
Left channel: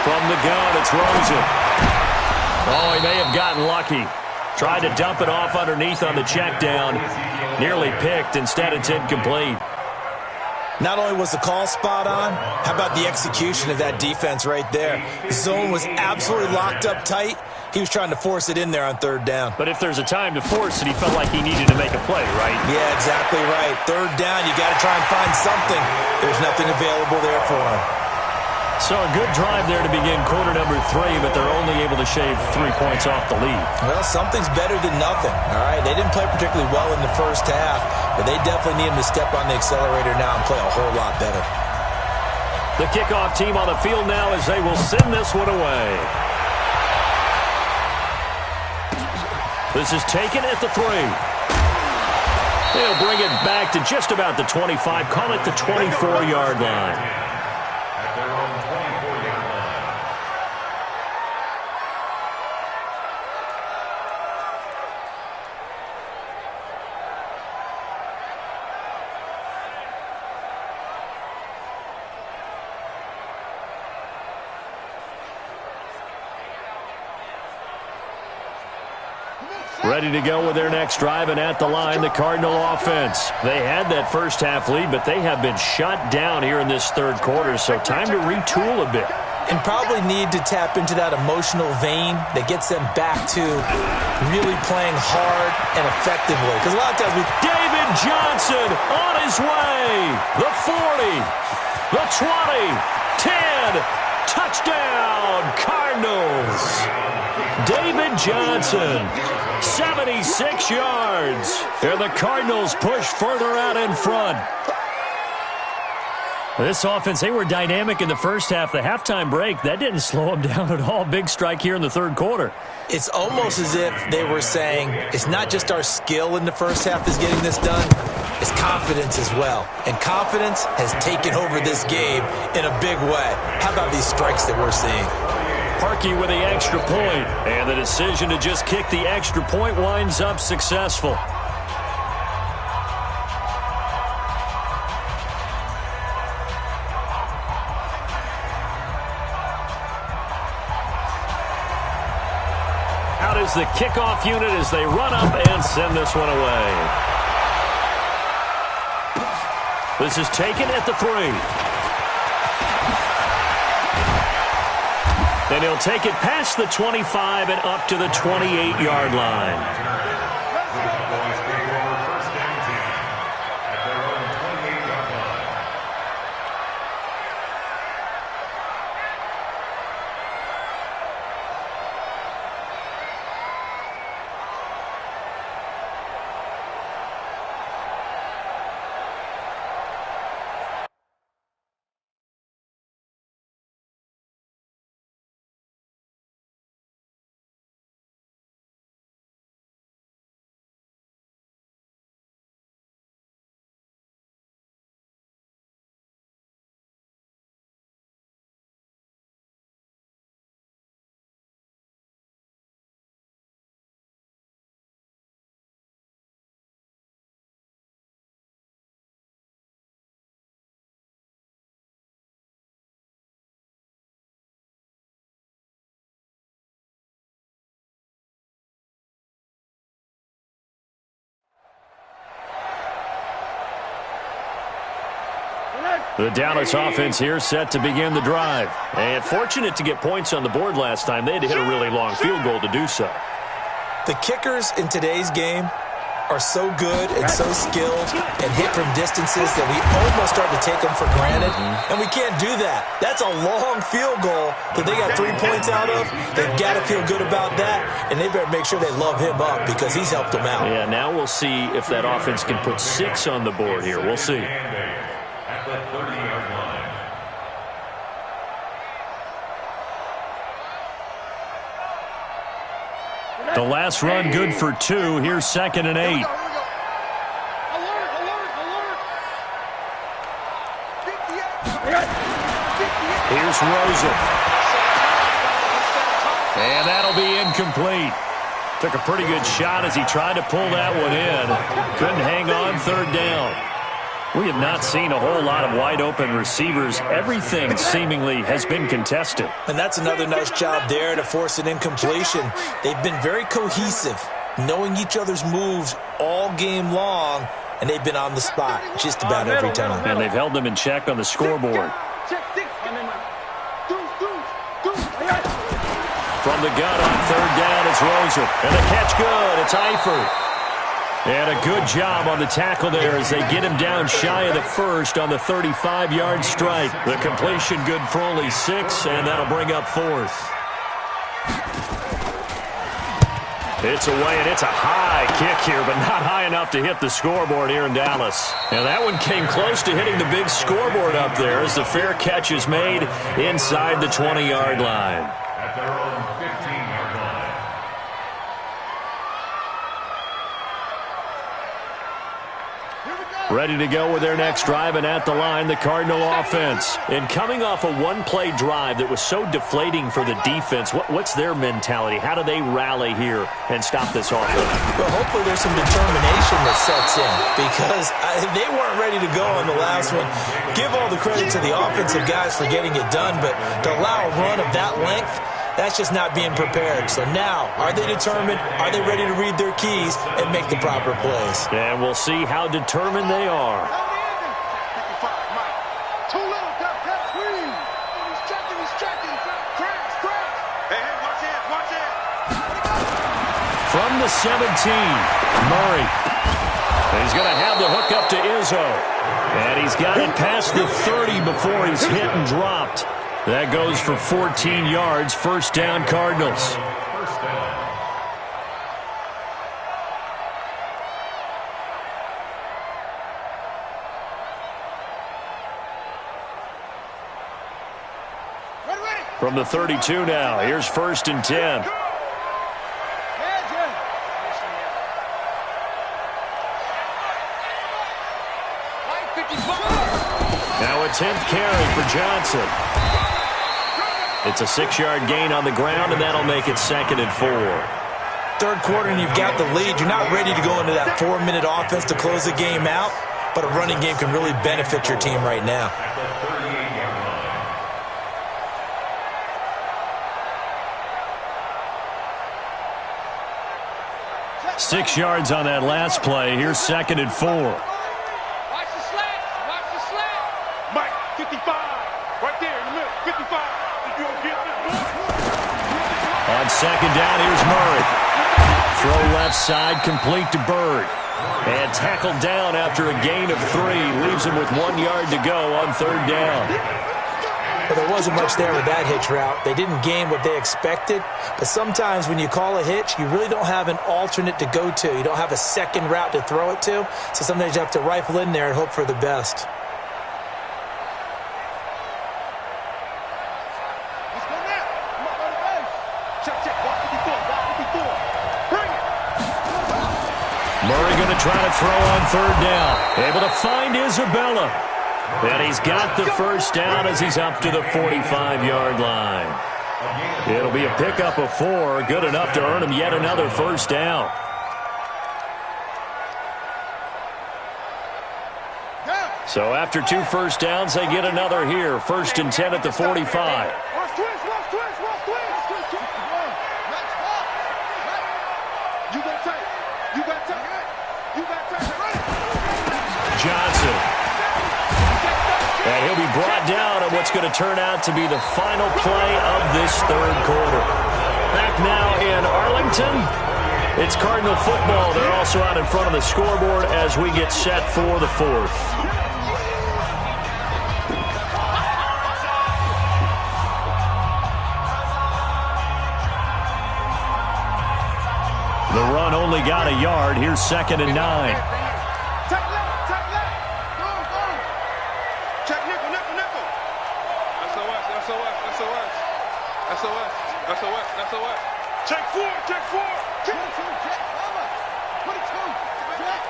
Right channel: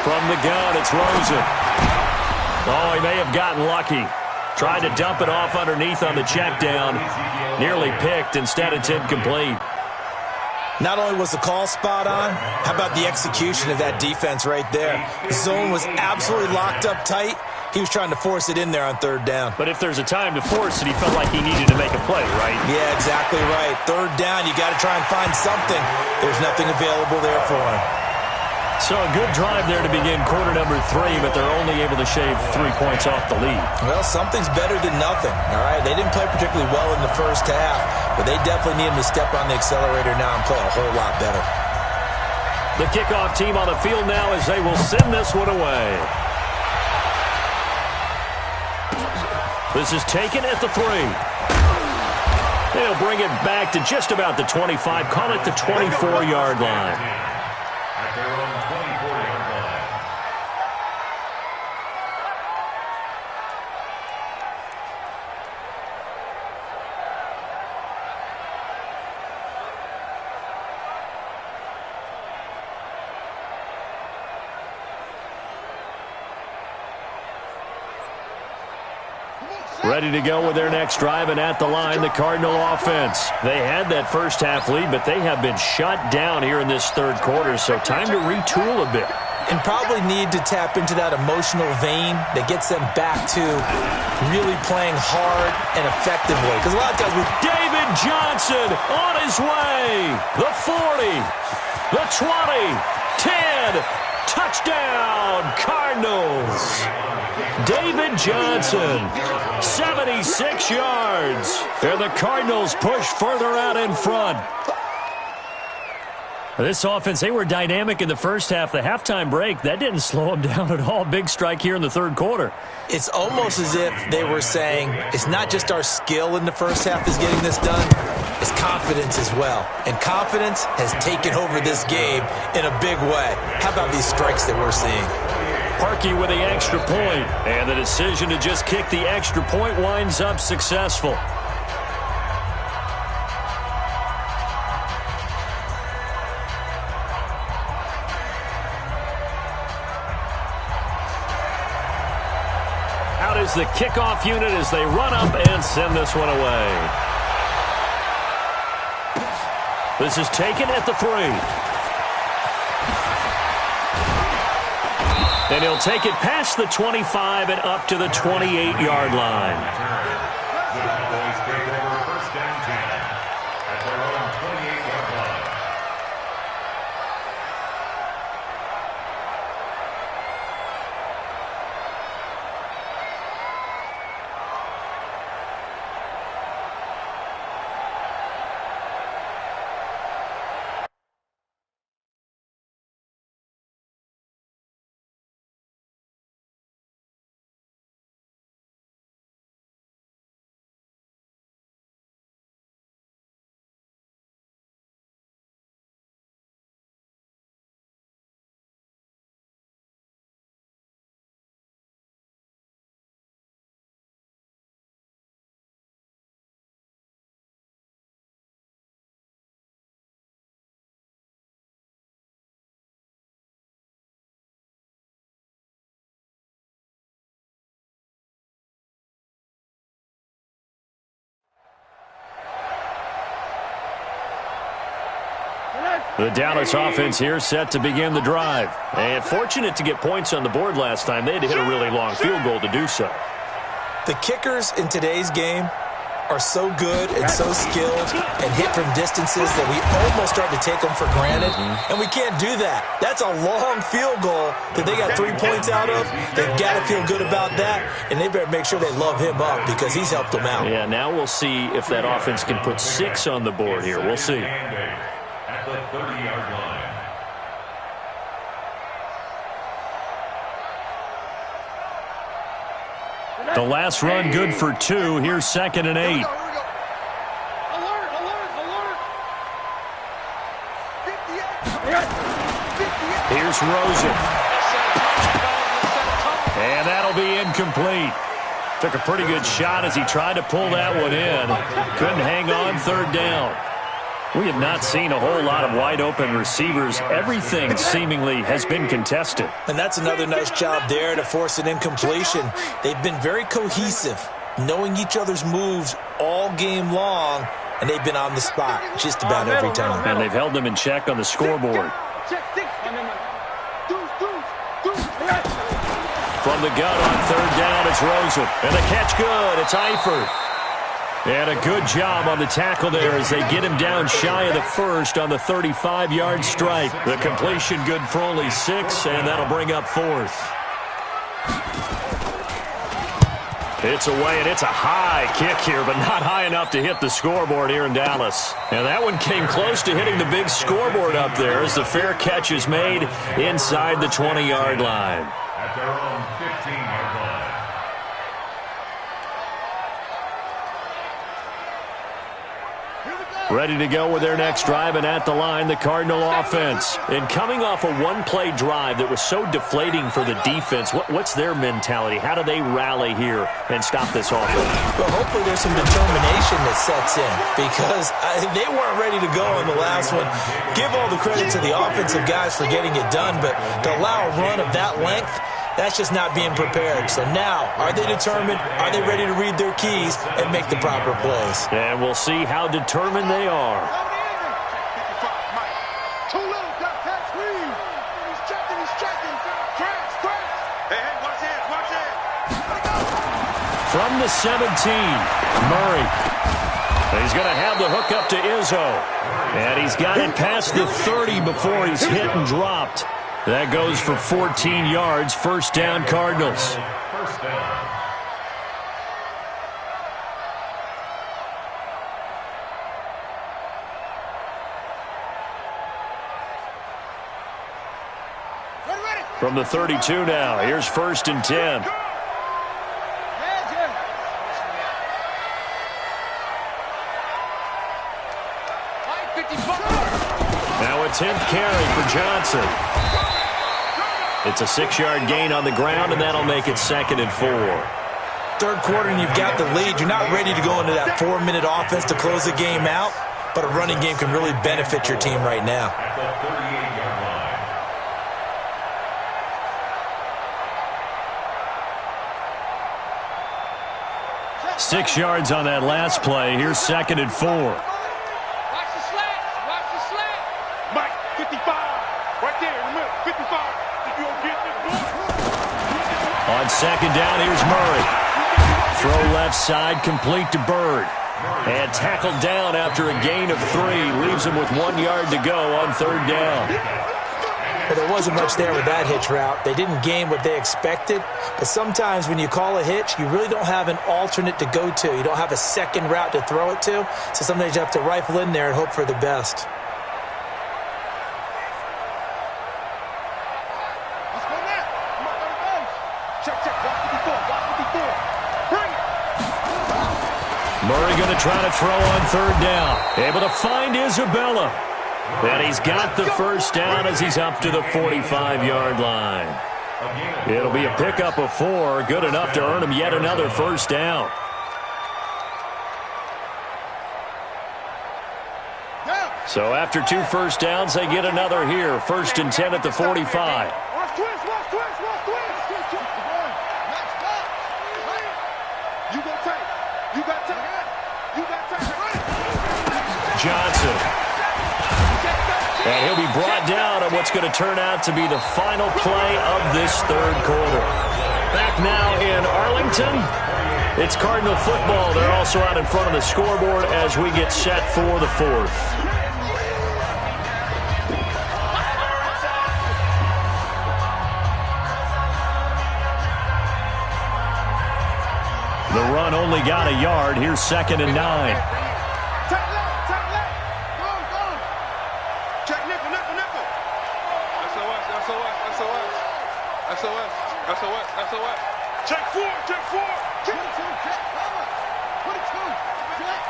From the gun, it's Rosen. Oh, he may have gotten lucky. Tried to dump it off underneath on the check down. Nearly picked. Instead, it's incomplete. Not only was the call spot on, how about the execution of that defense right there? The zone was absolutely locked up tight. He was trying to force it in there on 3rd down. But if there's a time to force it, he felt like he needed to make a play, right? Yeah, exactly right. 3rd down, you got to try and find something. There's nothing available there for him. So a good drive there to begin quarter number 3, but they're only able to shave 3 points off the lead. Well, something's better than nothing, all right? They didn't play particularly well in the first half, but they definitely need him to step on the accelerator now and play a whole lot better. The kickoff team on the field now as they will send this one away. This is taken at the 3. They'll bring it back to just about the 25, call it the 24-yard line. At their own 24-yard line. Ready to go with their next drive, and at the line, the Cardinal offense. They had that first half lead, but they have been shut down here in this 3rd quarter, so time to retool a bit. And probably need to tap into that emotional vein that gets them back to really playing hard and effectively. Because a lot of times David Johnson on his way. The 40, the 20, 10, touchdown, Cardinals. David Johnson, 76 yards. And the Cardinals push further out in front. This offense, they were dynamic in the first half. The halftime break, that didn't slow them down at all. Big strike here in the 3rd quarter. It's almost as if they were saying, it's not just our skill in the first half is getting this done, it's confidence as well. And confidence has taken over this game in a big way. How about these strikes that we're seeing? Parkey with the extra point, and the decision to just kick the extra point winds up successful. Out is the kickoff unit as they run up and send this one away. This is taken at the 3. And he'll take it past the 25 and up to the 28-yard line. The Dallas offense here set to begin the drive. And fortunate to get points on the board last time. They had to hit a really long field goal to do so. The kickers in today's game are so good and so skilled and hit from distances that we almost start to take them for granted. And we can't do that. That's a long field goal that they got 3 points out of. They've got to feel good about that, and they better make sure they love him up because he's helped them out. Yeah, now we'll see if that offense can put 6 on the board here. We'll see. At the 30-yard line. The last run good for 2. Here's 2nd and 8. Here we go. Alert, alert, alert. 58. Here's Rosen. And that'll be incomplete. Took a pretty good shot as he tried to pull that one in. Couldn't hang on, 3rd down. We have not seen a whole lot of wide-open receivers. Everything seemingly has been contested. And that's another nice job there to force an incompletion. They've been very cohesive, knowing each other's moves all game long, and they've been on the spot just about every time. And they've held them in check on the scoreboard. From the gun on 3rd down, it's Rosen. And the catch good. It's Eifert. And a good job on the tackle there as they get him down shy of the first on the 35-yard strike. The completion good for only 6, and that'll bring up 4th. It's away, and it's a high kick here, but not high enough to hit the scoreboard here in Dallas. And that one came close to hitting the big scoreboard up there as the fair catch is made inside the 20-yard line. At their own 15-yard line. Ready to go with their next drive, and at the line, the Cardinal offense. And coming off a one-play drive that was so deflating for the defense, what's their mentality? How do they rally here and stop this offense? Well, hopefully there's some determination that sets in because they weren't ready to go on the last one. Give all the credit to the offensive guys for getting it done, but to allow a run of that length, that's just not being prepared. So now, are they determined? Are they ready to read their keys and make the proper plays? And we'll see how determined they are. Too little, got squeeze. He's checking. Crash. Hey, watch it. From the 17, Murray. He's going to have the hook up to Izzo. And he's got it past the 30 before he's hit and dropped. That goes for 14 yards. 1st down, Cardinals. 1st down. From the 32 now, here's 1st and 10. Now a 10th carry for Johnson. It's a 6-yard gain on the ground, and that'll make it 2nd and 4. 3rd quarter, and you've got the lead. You're not ready to go into that 4-minute offense to close the game out, but a running game can really benefit your team right now. At the 38-yard line. 6 yards on that last play. Here's 2nd and 4. Watch the slat. Mike, 55. Right there in the middle, 55. Did you get this boy? On 2nd down, here's Murray. Throw left side, complete to Bird. And tackled down after a gain of 3. Leaves him with 1 yard to go on 3rd down. Well, there wasn't much there with that hitch route. They didn't gain what they expected. But sometimes when you call a hitch, you really don't have an alternate to go to. You don't have a second route to throw it to. So sometimes you have to rifle in there and hope for the best. Let's go now. Come on, go to base. Check. Watch 54. Bring it. Murray going to try to throw on 3rd down. Able to find Isabella. And he's got the 1st down as he's up to the 45-yard line. It'll be a pickup of 4. Good enough to earn him yet another 1st down. So after 2 1st downs, they get another here. 1st and 10 at the 45. Watch twist. Next box. You got tight. Run it. Johnson. And he'll be brought down on what's going to turn out to be the final play of this third quarter. Back now in Arlington, it's Cardinal football. They're also out in front of the scoreboard as we get set for the fourth. The run only got a yard. Here's 2nd and 9. Tight left, tight left. Go, go. Check nickel, nickel, nickel. SOS, SOS, SOS. SOS, SOS, SOS. Check 4, check 4. 22, check, cover. 22, check.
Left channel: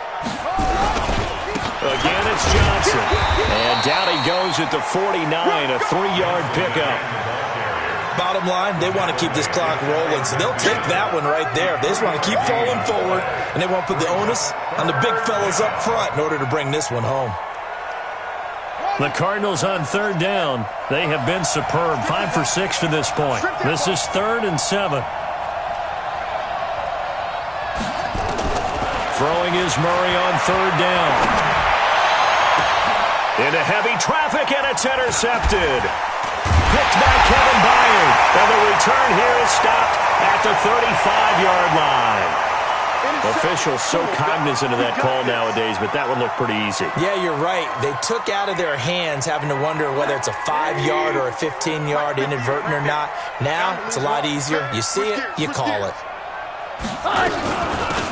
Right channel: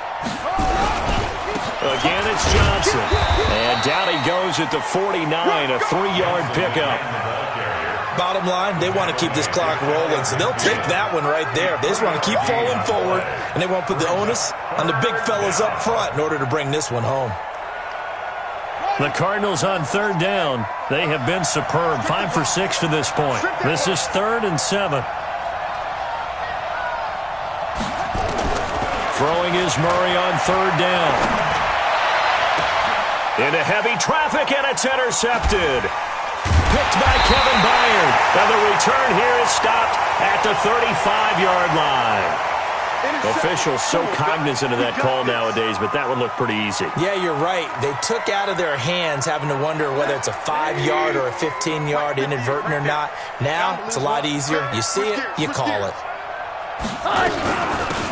Again, it's Johnson. And down he goes at the 49, a 3-yard pickup. Bottom line, they want to keep this clock rolling, so they'll take that one right there. They just want to keep falling forward, and they won't put the onus on the big fellas up front in order to bring this one home. The Cardinals on 3rd down. They have been superb, 5 for 6 to this point. This is 3rd and 7. Throwing is Murray on 3rd down. Into heavy traffic, and it's intercepted. Picked by Kevin Byard. And the return here is stopped at the 35-yard line. Officials so cognizant of that call nowadays, but that one looked pretty easy. Yeah, you're right. They took out of their hands having to wonder whether it's a 5-yard or a 15-yard inadvertent or not. Now, it's a lot easier. You see it, you call it.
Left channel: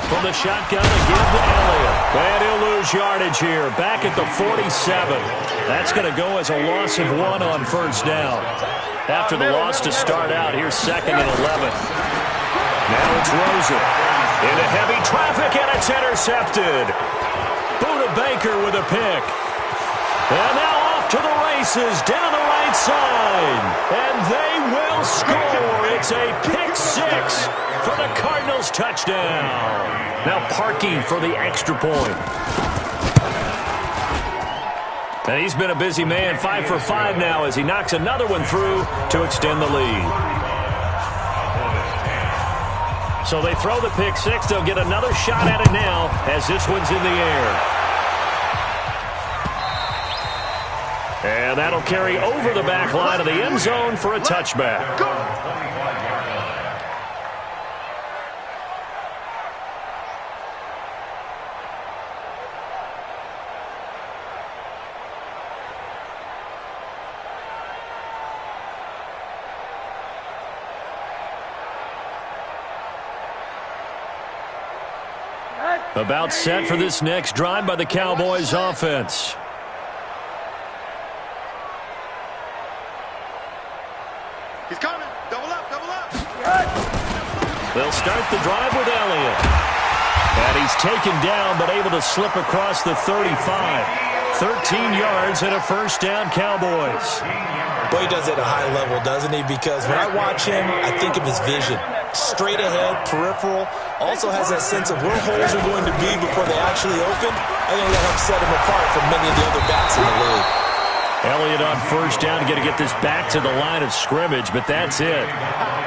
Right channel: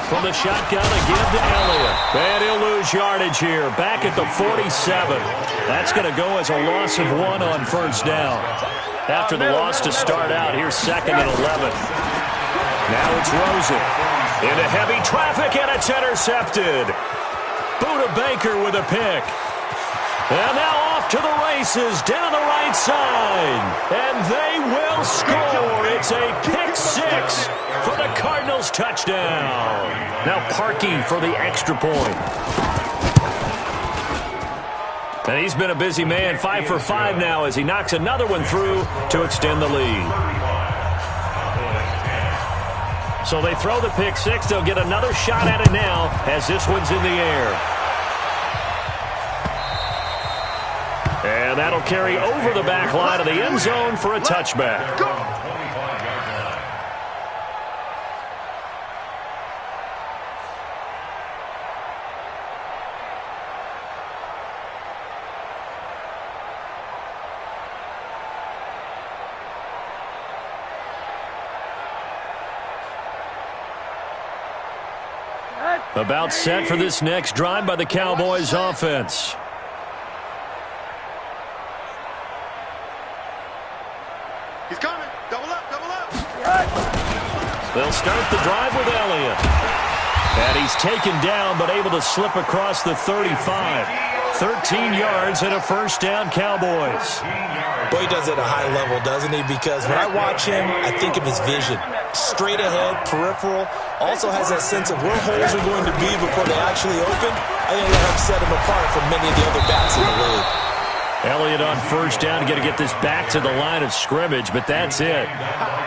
From the shotgun, a give to Elliott. And he'll lose yardage here. Back at the 47. That's going to go as a loss of 1 on 1st down. After the loss to start out, here's 2nd and 11. Now it's Rosen. Into heavy traffic, and it's intercepted. Buda Baker with a pick. And now off to the races, down the right side. And they will score. It's a pick 6 for the Cardinals touchdown. Now Parkey for the extra point. And he's been a busy man, 5 for 5 now as he knocks another one through to extend the lead. So they throw the pick 6. They'll get another shot at it now as this one's in the air. And that'll carry over the back line of the end zone for a touchback. About set for this next drive by the Cowboys offense. He's coming. Double up, double up. They'll start the drive with Elliott. And he's taken down but able to slip across the 35. 13 yards and a 1st down, Cowboys. Boy, he does it at a high level, doesn't he? Because when I watch him, I think of his vision. Straight ahead, peripheral. Also has that sense of where holes are going to be before they actually open. I think that helps set him apart from many of the other backs in the league. Elliott on 1st down, going to get this back to the line of scrimmage, but that's it.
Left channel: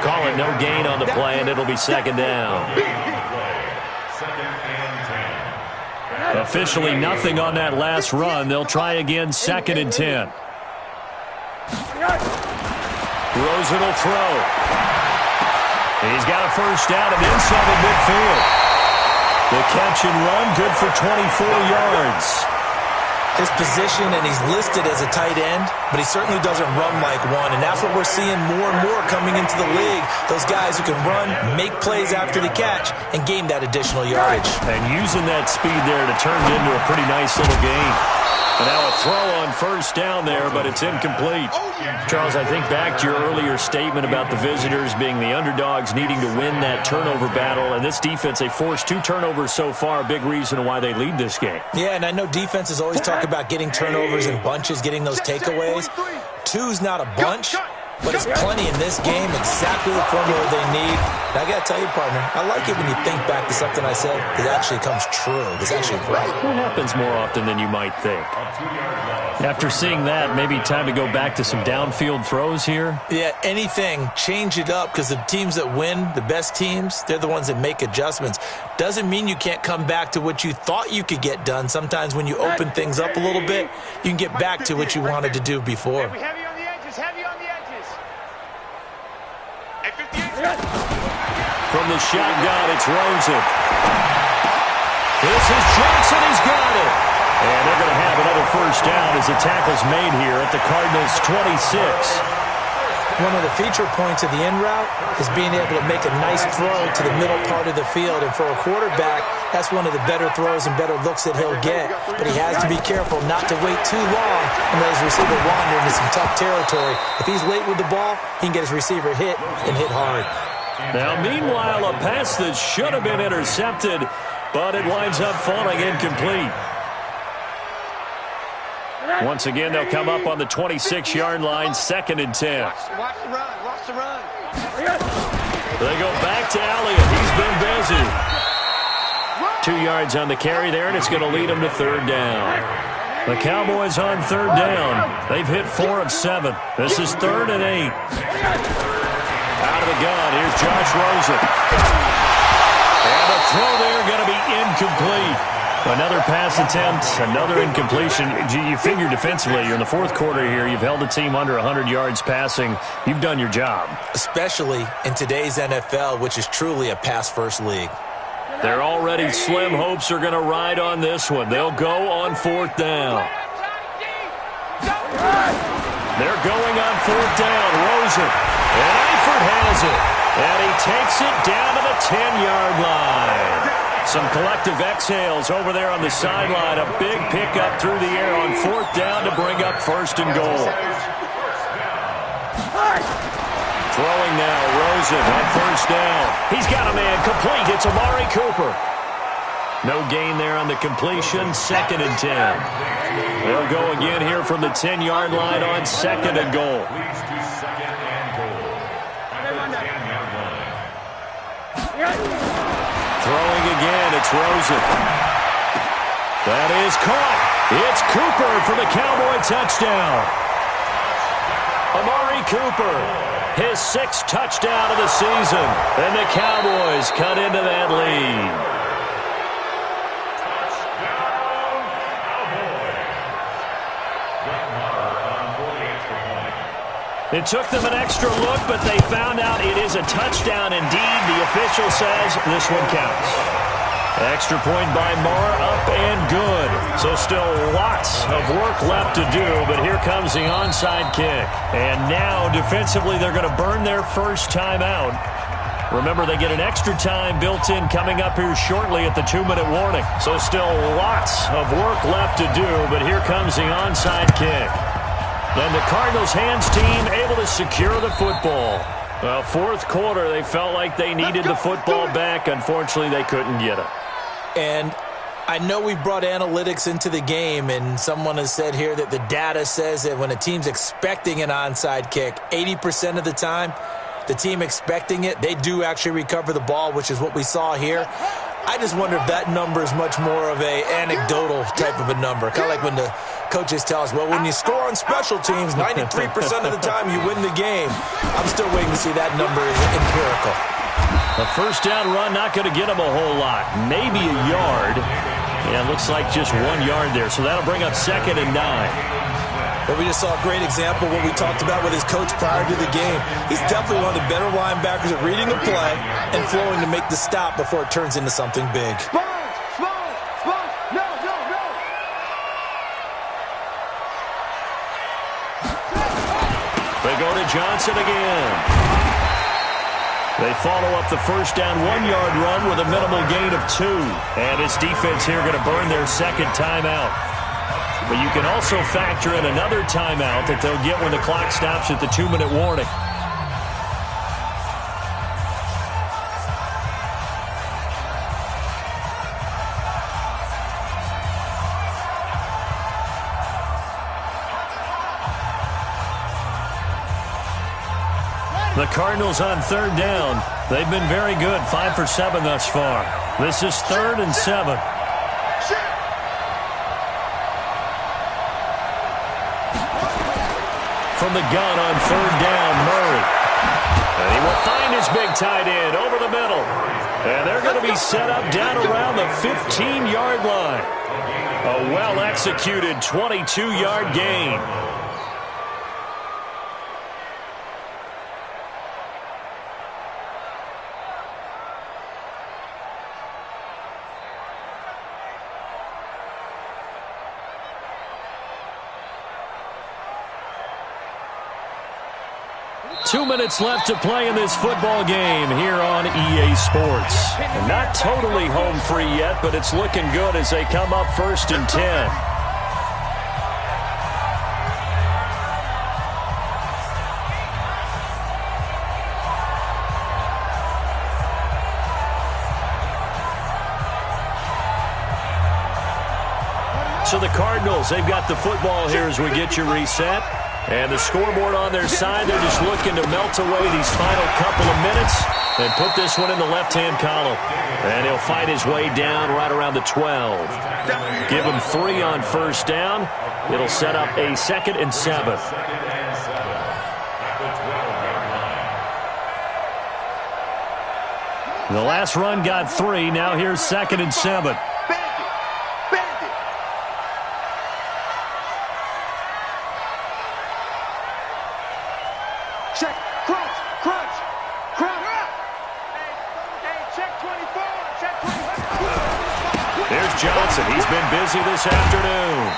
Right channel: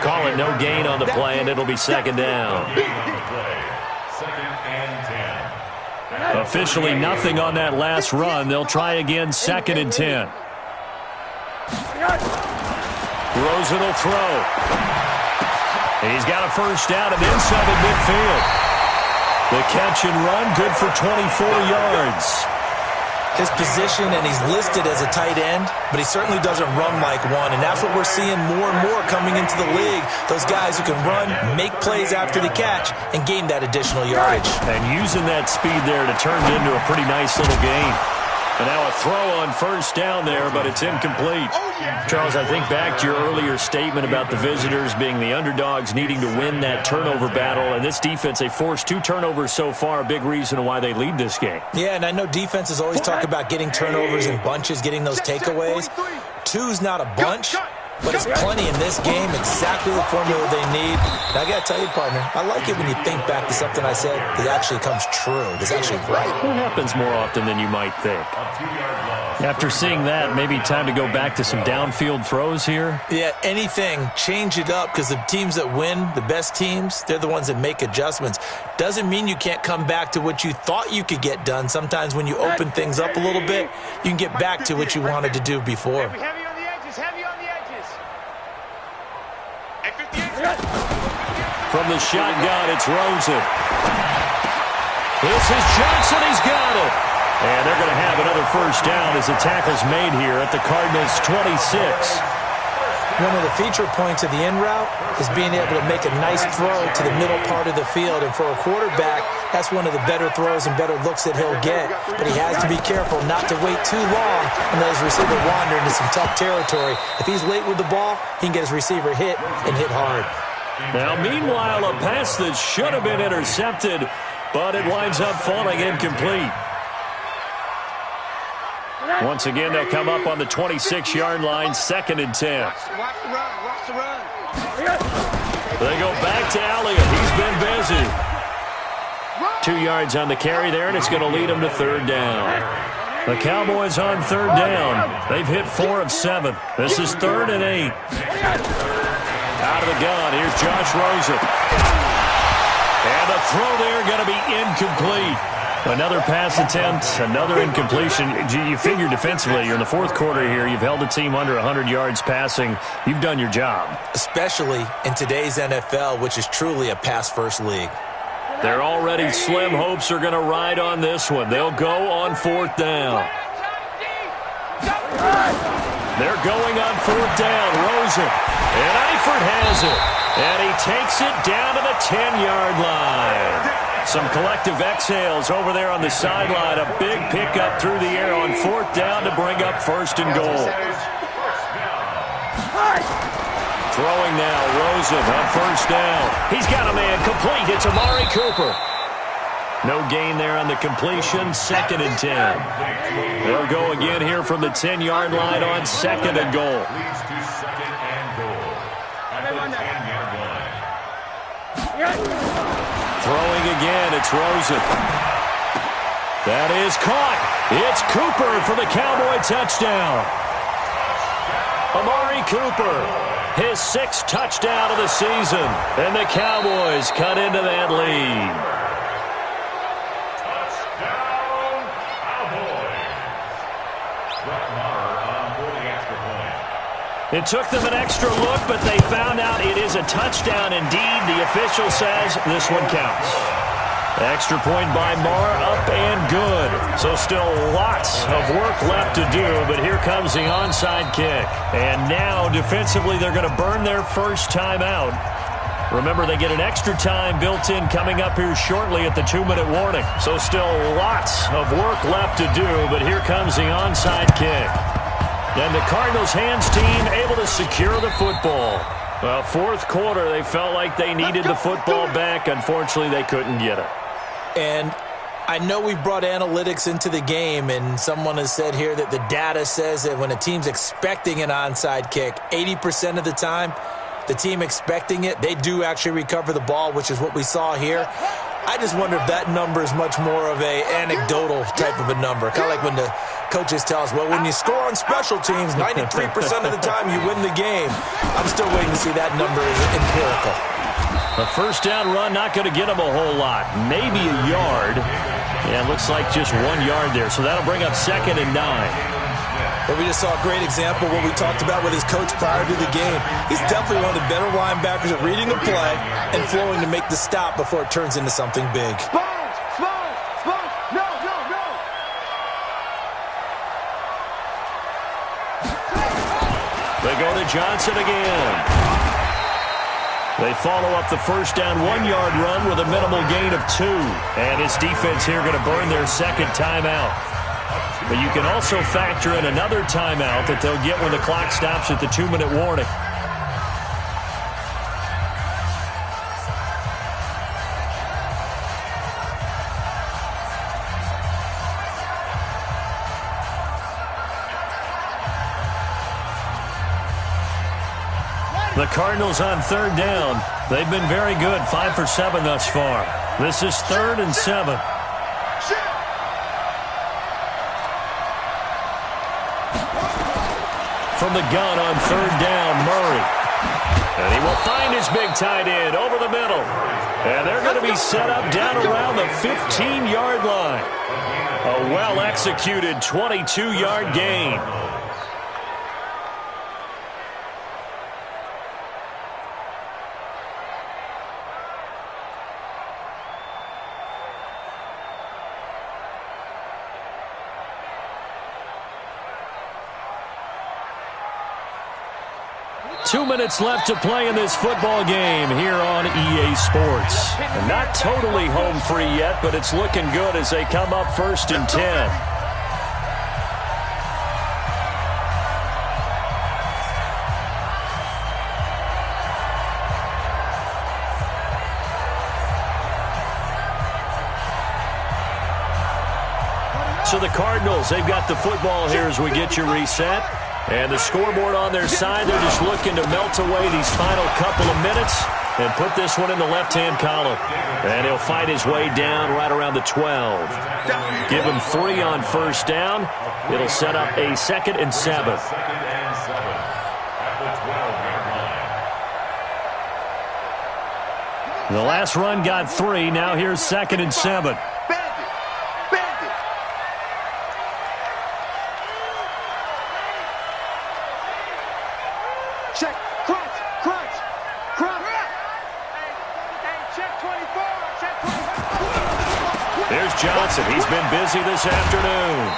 Call it no gain on the play, and it'll be 2nd down. 2nd and 10. Officially nothing on that last run. They'll try again, 2nd and 10. Rosen will throw. He's got a 1st down and inside the midfield. The catch and run, good for 24 yards. His position, and he's listed as a tight end, but he certainly doesn't run like one, and that's what we're seeing more and more coming into the league. Those guys who can run, make plays after the catch, and gain that additional yardage. And using that speed there to turn it into a pretty nice little gain. And now a throw on 1st down there, but it's incomplete. Charles, I think back to your earlier statement about the visitors being the underdogs needing to win that turnover battle. And this defense, they forced 2 turnovers so far, a big reason why they lead this game. Yeah, and I know defenses always talk about getting turnovers in bunches, getting those takeaways. 2's not a bunch, but it's plenty in this game, exactly the formula they need. And I got to tell you, partner, I like it when you think back to something I said that actually comes true. That's actually right. It happens more often than you might think. After seeing that, maybe time to go back to some downfield throws here? Yeah, anything. Change it up, because the teams that win, the best teams, they're the ones that make adjustments. Doesn't mean you can't come back to what you thought you could get done. Sometimes when you open things up a little bit, you can get back to what you wanted to do before. Heavy on the edges, heavy on the edges. Hey, 58. From the shotgun, it's Rosen. This is Johnson. He's got it. And they're going to have another first down as the tackle's made here at the Cardinals' 26. One of the feature points of the in route is being able to make a nice throw to the middle part of the field. And for a quarterback, that's one of the better throws and better looks that he'll get. But he has to be careful not to wait too long and let his receiver wander into some tough territory. If he's late with the ball, he can get his receiver hit and hit hard. Now, meanwhile, a pass that should have been intercepted, but it winds up falling incomplete. Once again, they'll come up on the 26-yard line, 2nd and 10. Watch the run, watch the run. They go back to Elliott. He's been busy. 2 yards on the carry there, and it's going to lead them to 3rd down. The Cowboys on 3rd down. They've hit 4 of 7. This is 3rd and 8. Out of the gun, here's Josh Rosen. And the throw there going to be incomplete. Another pass attempt, another incompletion. You figure defensively, you're in the 4th quarter here. You've held the team under 100 yards passing. You've done your job. Especially in today's NFL, which is truly a pass-first league. Their already slim hopes are going to ride on this one. They'll go on 4th down. They're going on 4th down. Rosen. And Eifert has it. And he takes it down to the 10-yard line. Some collective exhales over there on the sideline. A big pickup through the air on 4th down to bring up 1st and goal. Throwing now, Rosen on 1st down. He's got a man complete. It's Amari Cooper. No gain there on the completion. 2nd and 10. They'll go again here from the 10-yard line on 2nd and goal. Leads to 2nd and goal at the 10-yard line. Throwing again, it's Rosen. That is caught. It's Cooper for the Cowboy touchdown. Amari Cooper, his 6th touchdown of the season. And the Cowboys cut into that lead. Touchdown, Cowboys. Brett Maher on for the extra point. It took them an extra look, but they found out it is a touchdown indeed. The official says this one counts. Extra point by Maher, up and good. So still lots of work left to do, but here comes the onside kick. And now defensively they're going to burn their first timeout. Remember, they get an extra time built in coming up here shortly at the 2-minute warning. So still lots of work left to do, but here comes the onside kick. And the Cardinals' hands team able to secure the football. Well, 4th quarter, they felt like they needed the football back. Unfortunately, they couldn't get it. And I know we've brought analytics into the game, and someone has said here that the data says that when a team's expecting an onside kick, 80% of the time, the team expecting it, they do actually recover the ball, which is what we saw here. I just wonder if that number is much more of a anecdotal type of a number. Kind of like when the coaches tell us, well, when you score on special teams, 93% of the time you win the game. I'm still waiting to see that number is empirical. A first down run, not going to get them a whole lot. Maybe a yard. Yeah, it looks like just 1 yard there. So that'll bring up 2nd and 9. Well, we just saw a great example of what we talked about with his coach prior to the game. He's definitely one of the better linebackers at reading a play and flowing to make the stop before it turns into something big. Sponge, sponge, sponge. No, no, no. They go to Johnson again. They follow up the first down 1 yard run with a minimal gain of 2. And this defense here going to burn their 2nd timeout. But you can also factor in another timeout that they'll get when the clock stops at the 2-minute warning. The Cardinals on third down. They've been very good, 5 for 7 thus far. This is 3rd and 7. From the gun on third down, Murray. And he will find his big tight end over the middle. And they're going to be set up down around the 15-yard line. A well-executed 22-yard gain. Two minutes left to play in this football game here on EA Sports. And not totally home free yet, but it's looking good as they come up 1st and 10. So the Cardinals, they've got the football here as we get you reset. And the scoreboard on their side, they're just looking to melt away these final couple of minutes and put this one in the left-hand column. And he'll fight his way down right around the 12. Give him 3 on first down. It'll set up a 2nd and 7. Second and 7 at the 12-yard line. The last run got 3. Now here's 2nd and 7. Check, crunch, crunch, crunch. Hey, check 24, check 24. There's Johnson. He's been busy this afternoon.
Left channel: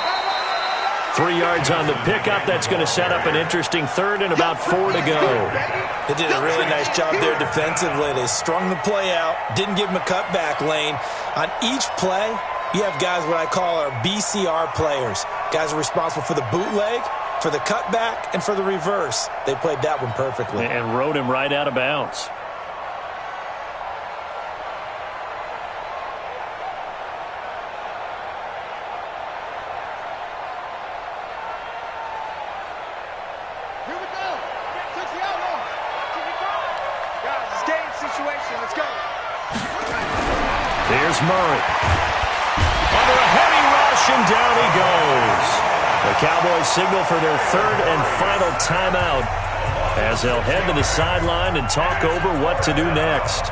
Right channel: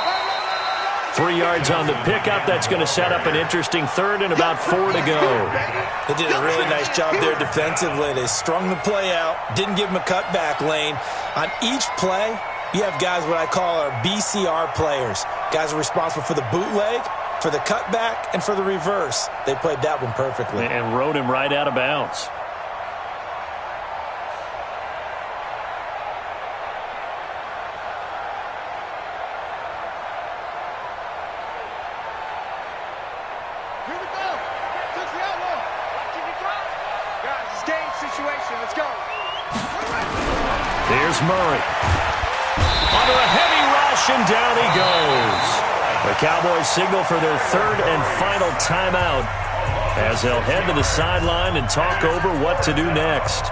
3 yards on the pickup. That's going to set up an interesting 3rd and about 4 to go. They did a really nice job there defensively. They strung the play out, didn't give him a cutback lane. On each play, you have guys what I call our BCR players. Guys are responsible for the bootleg, for the cutback, and for the reverse. They played that one perfectly. And rode him right out of bounds. Here we go. Touch the outlaw. Watching you drive. Guys, it's game situation. Let's go. Here's Murray. Under a heavy rush, and down he goes. The Cowboys signal for their 3rd and final timeout as they'll head to the sideline and talk over what to do next.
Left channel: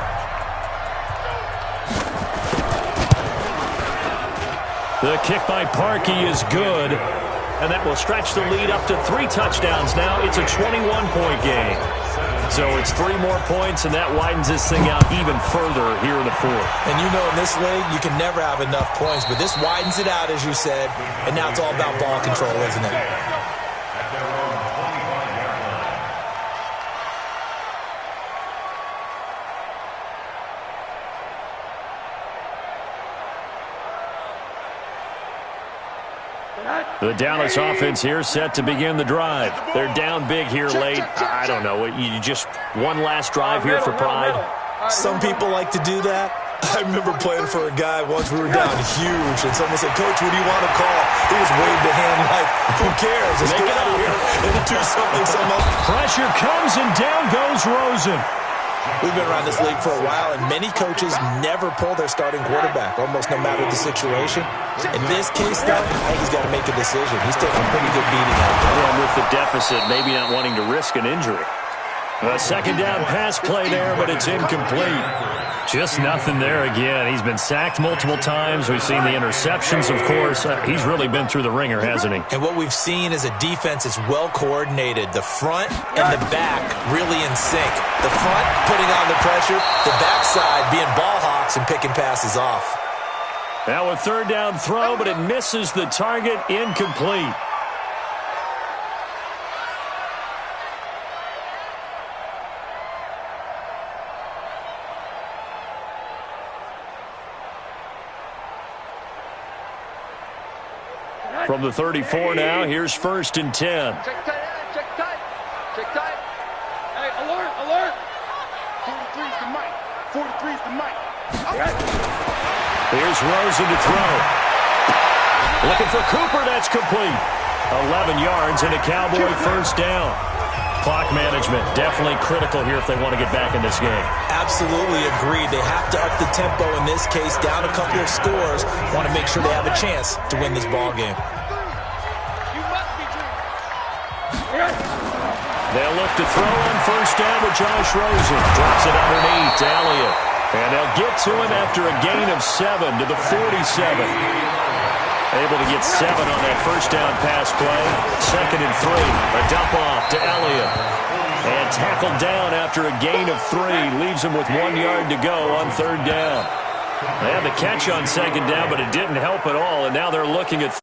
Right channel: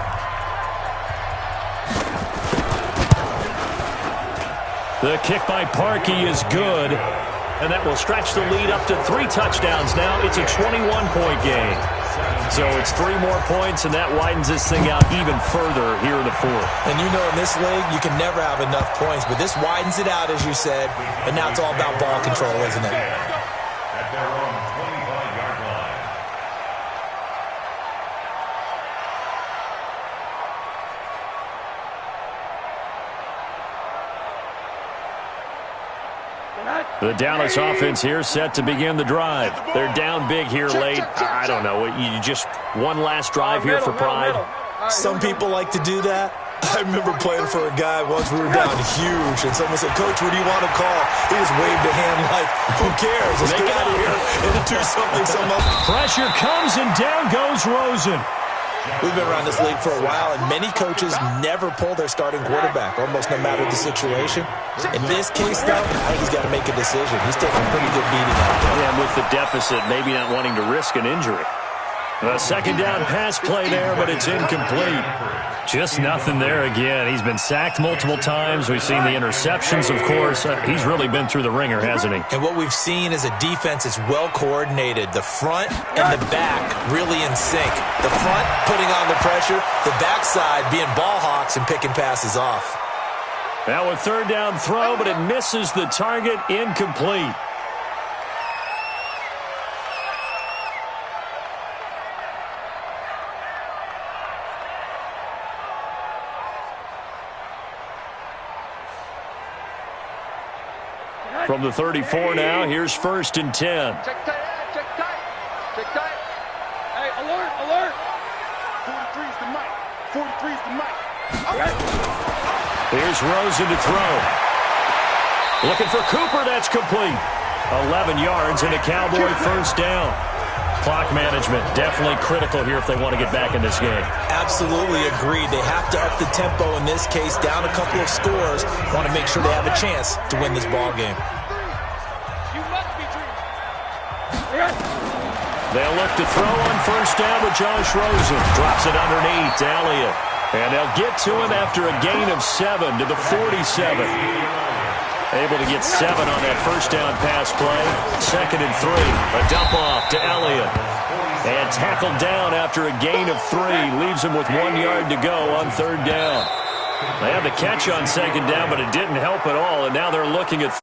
The kick by Parkey is good, and that will stretch the lead up to 3 touchdowns now. It's a 21-point game. So it's 3 more points, and that widens this thing out even further here in the 4th. And you know in this league, you can never have enough points, but this widens it out, as you said, and now it's all about ball control, isn't it? At their own 25-yard line. The Dallas offense here set to begin the drive. They're down big here late. I don't know. You just one last drive here for pride. Some people like to do that. I remember playing for a guy once. We were down huge, and someone said, "Coach, what do you want to call?" He just waved a hand like, "Who cares? Let's get out of here and do something." Pressure comes, and down goes Rosen. We've been around this league for a while, and many coaches never pull their starting quarterback, almost no matter the situation. In this case, though, I think he's got to make a decision. He's taking a pretty good beating out there. Yeah, and with the deficit, maybe not wanting to risk an injury. A 2nd down pass play there, but it's incomplete. Just nothing there again. He's been sacked multiple times. We've seen the interceptions, of course. He's really been through the ringer, hasn't he? And what we've seen is a defense that's well coordinated. The front and the back really in sync. The front putting on the pressure, the backside being ball hawks and picking passes off. Now a 3rd down throw, but it misses the target, incomplete. From the 34 now, here's 1st and 10. Check tight, check tight, check tight. Hey, alert, alert. 43's the mic. 43's the mic. Here's Rosen to throw. Looking for Cooper, that's complete. 11 yards and a Cowboy 1st down. Clock management, definitely critical here if they want to get back in this game. Absolutely agreed. They have to up the tempo in this case, down a couple of scores. Want to make sure they have a chance to win this ball game. You must be dreaming. They'll look to throw on first down with Josh Rosen. Drops it underneath to Elliott. And they'll get to him after a gain of 7 to the 47. Able to get 7 on that first down pass play. 2nd and 3. A dump off to Elliott. And tackled down after a gain of 3. Leaves him with 1 yard to go on 3rd down. They had the catch on 2nd down, but it didn't help at all. And now they're looking at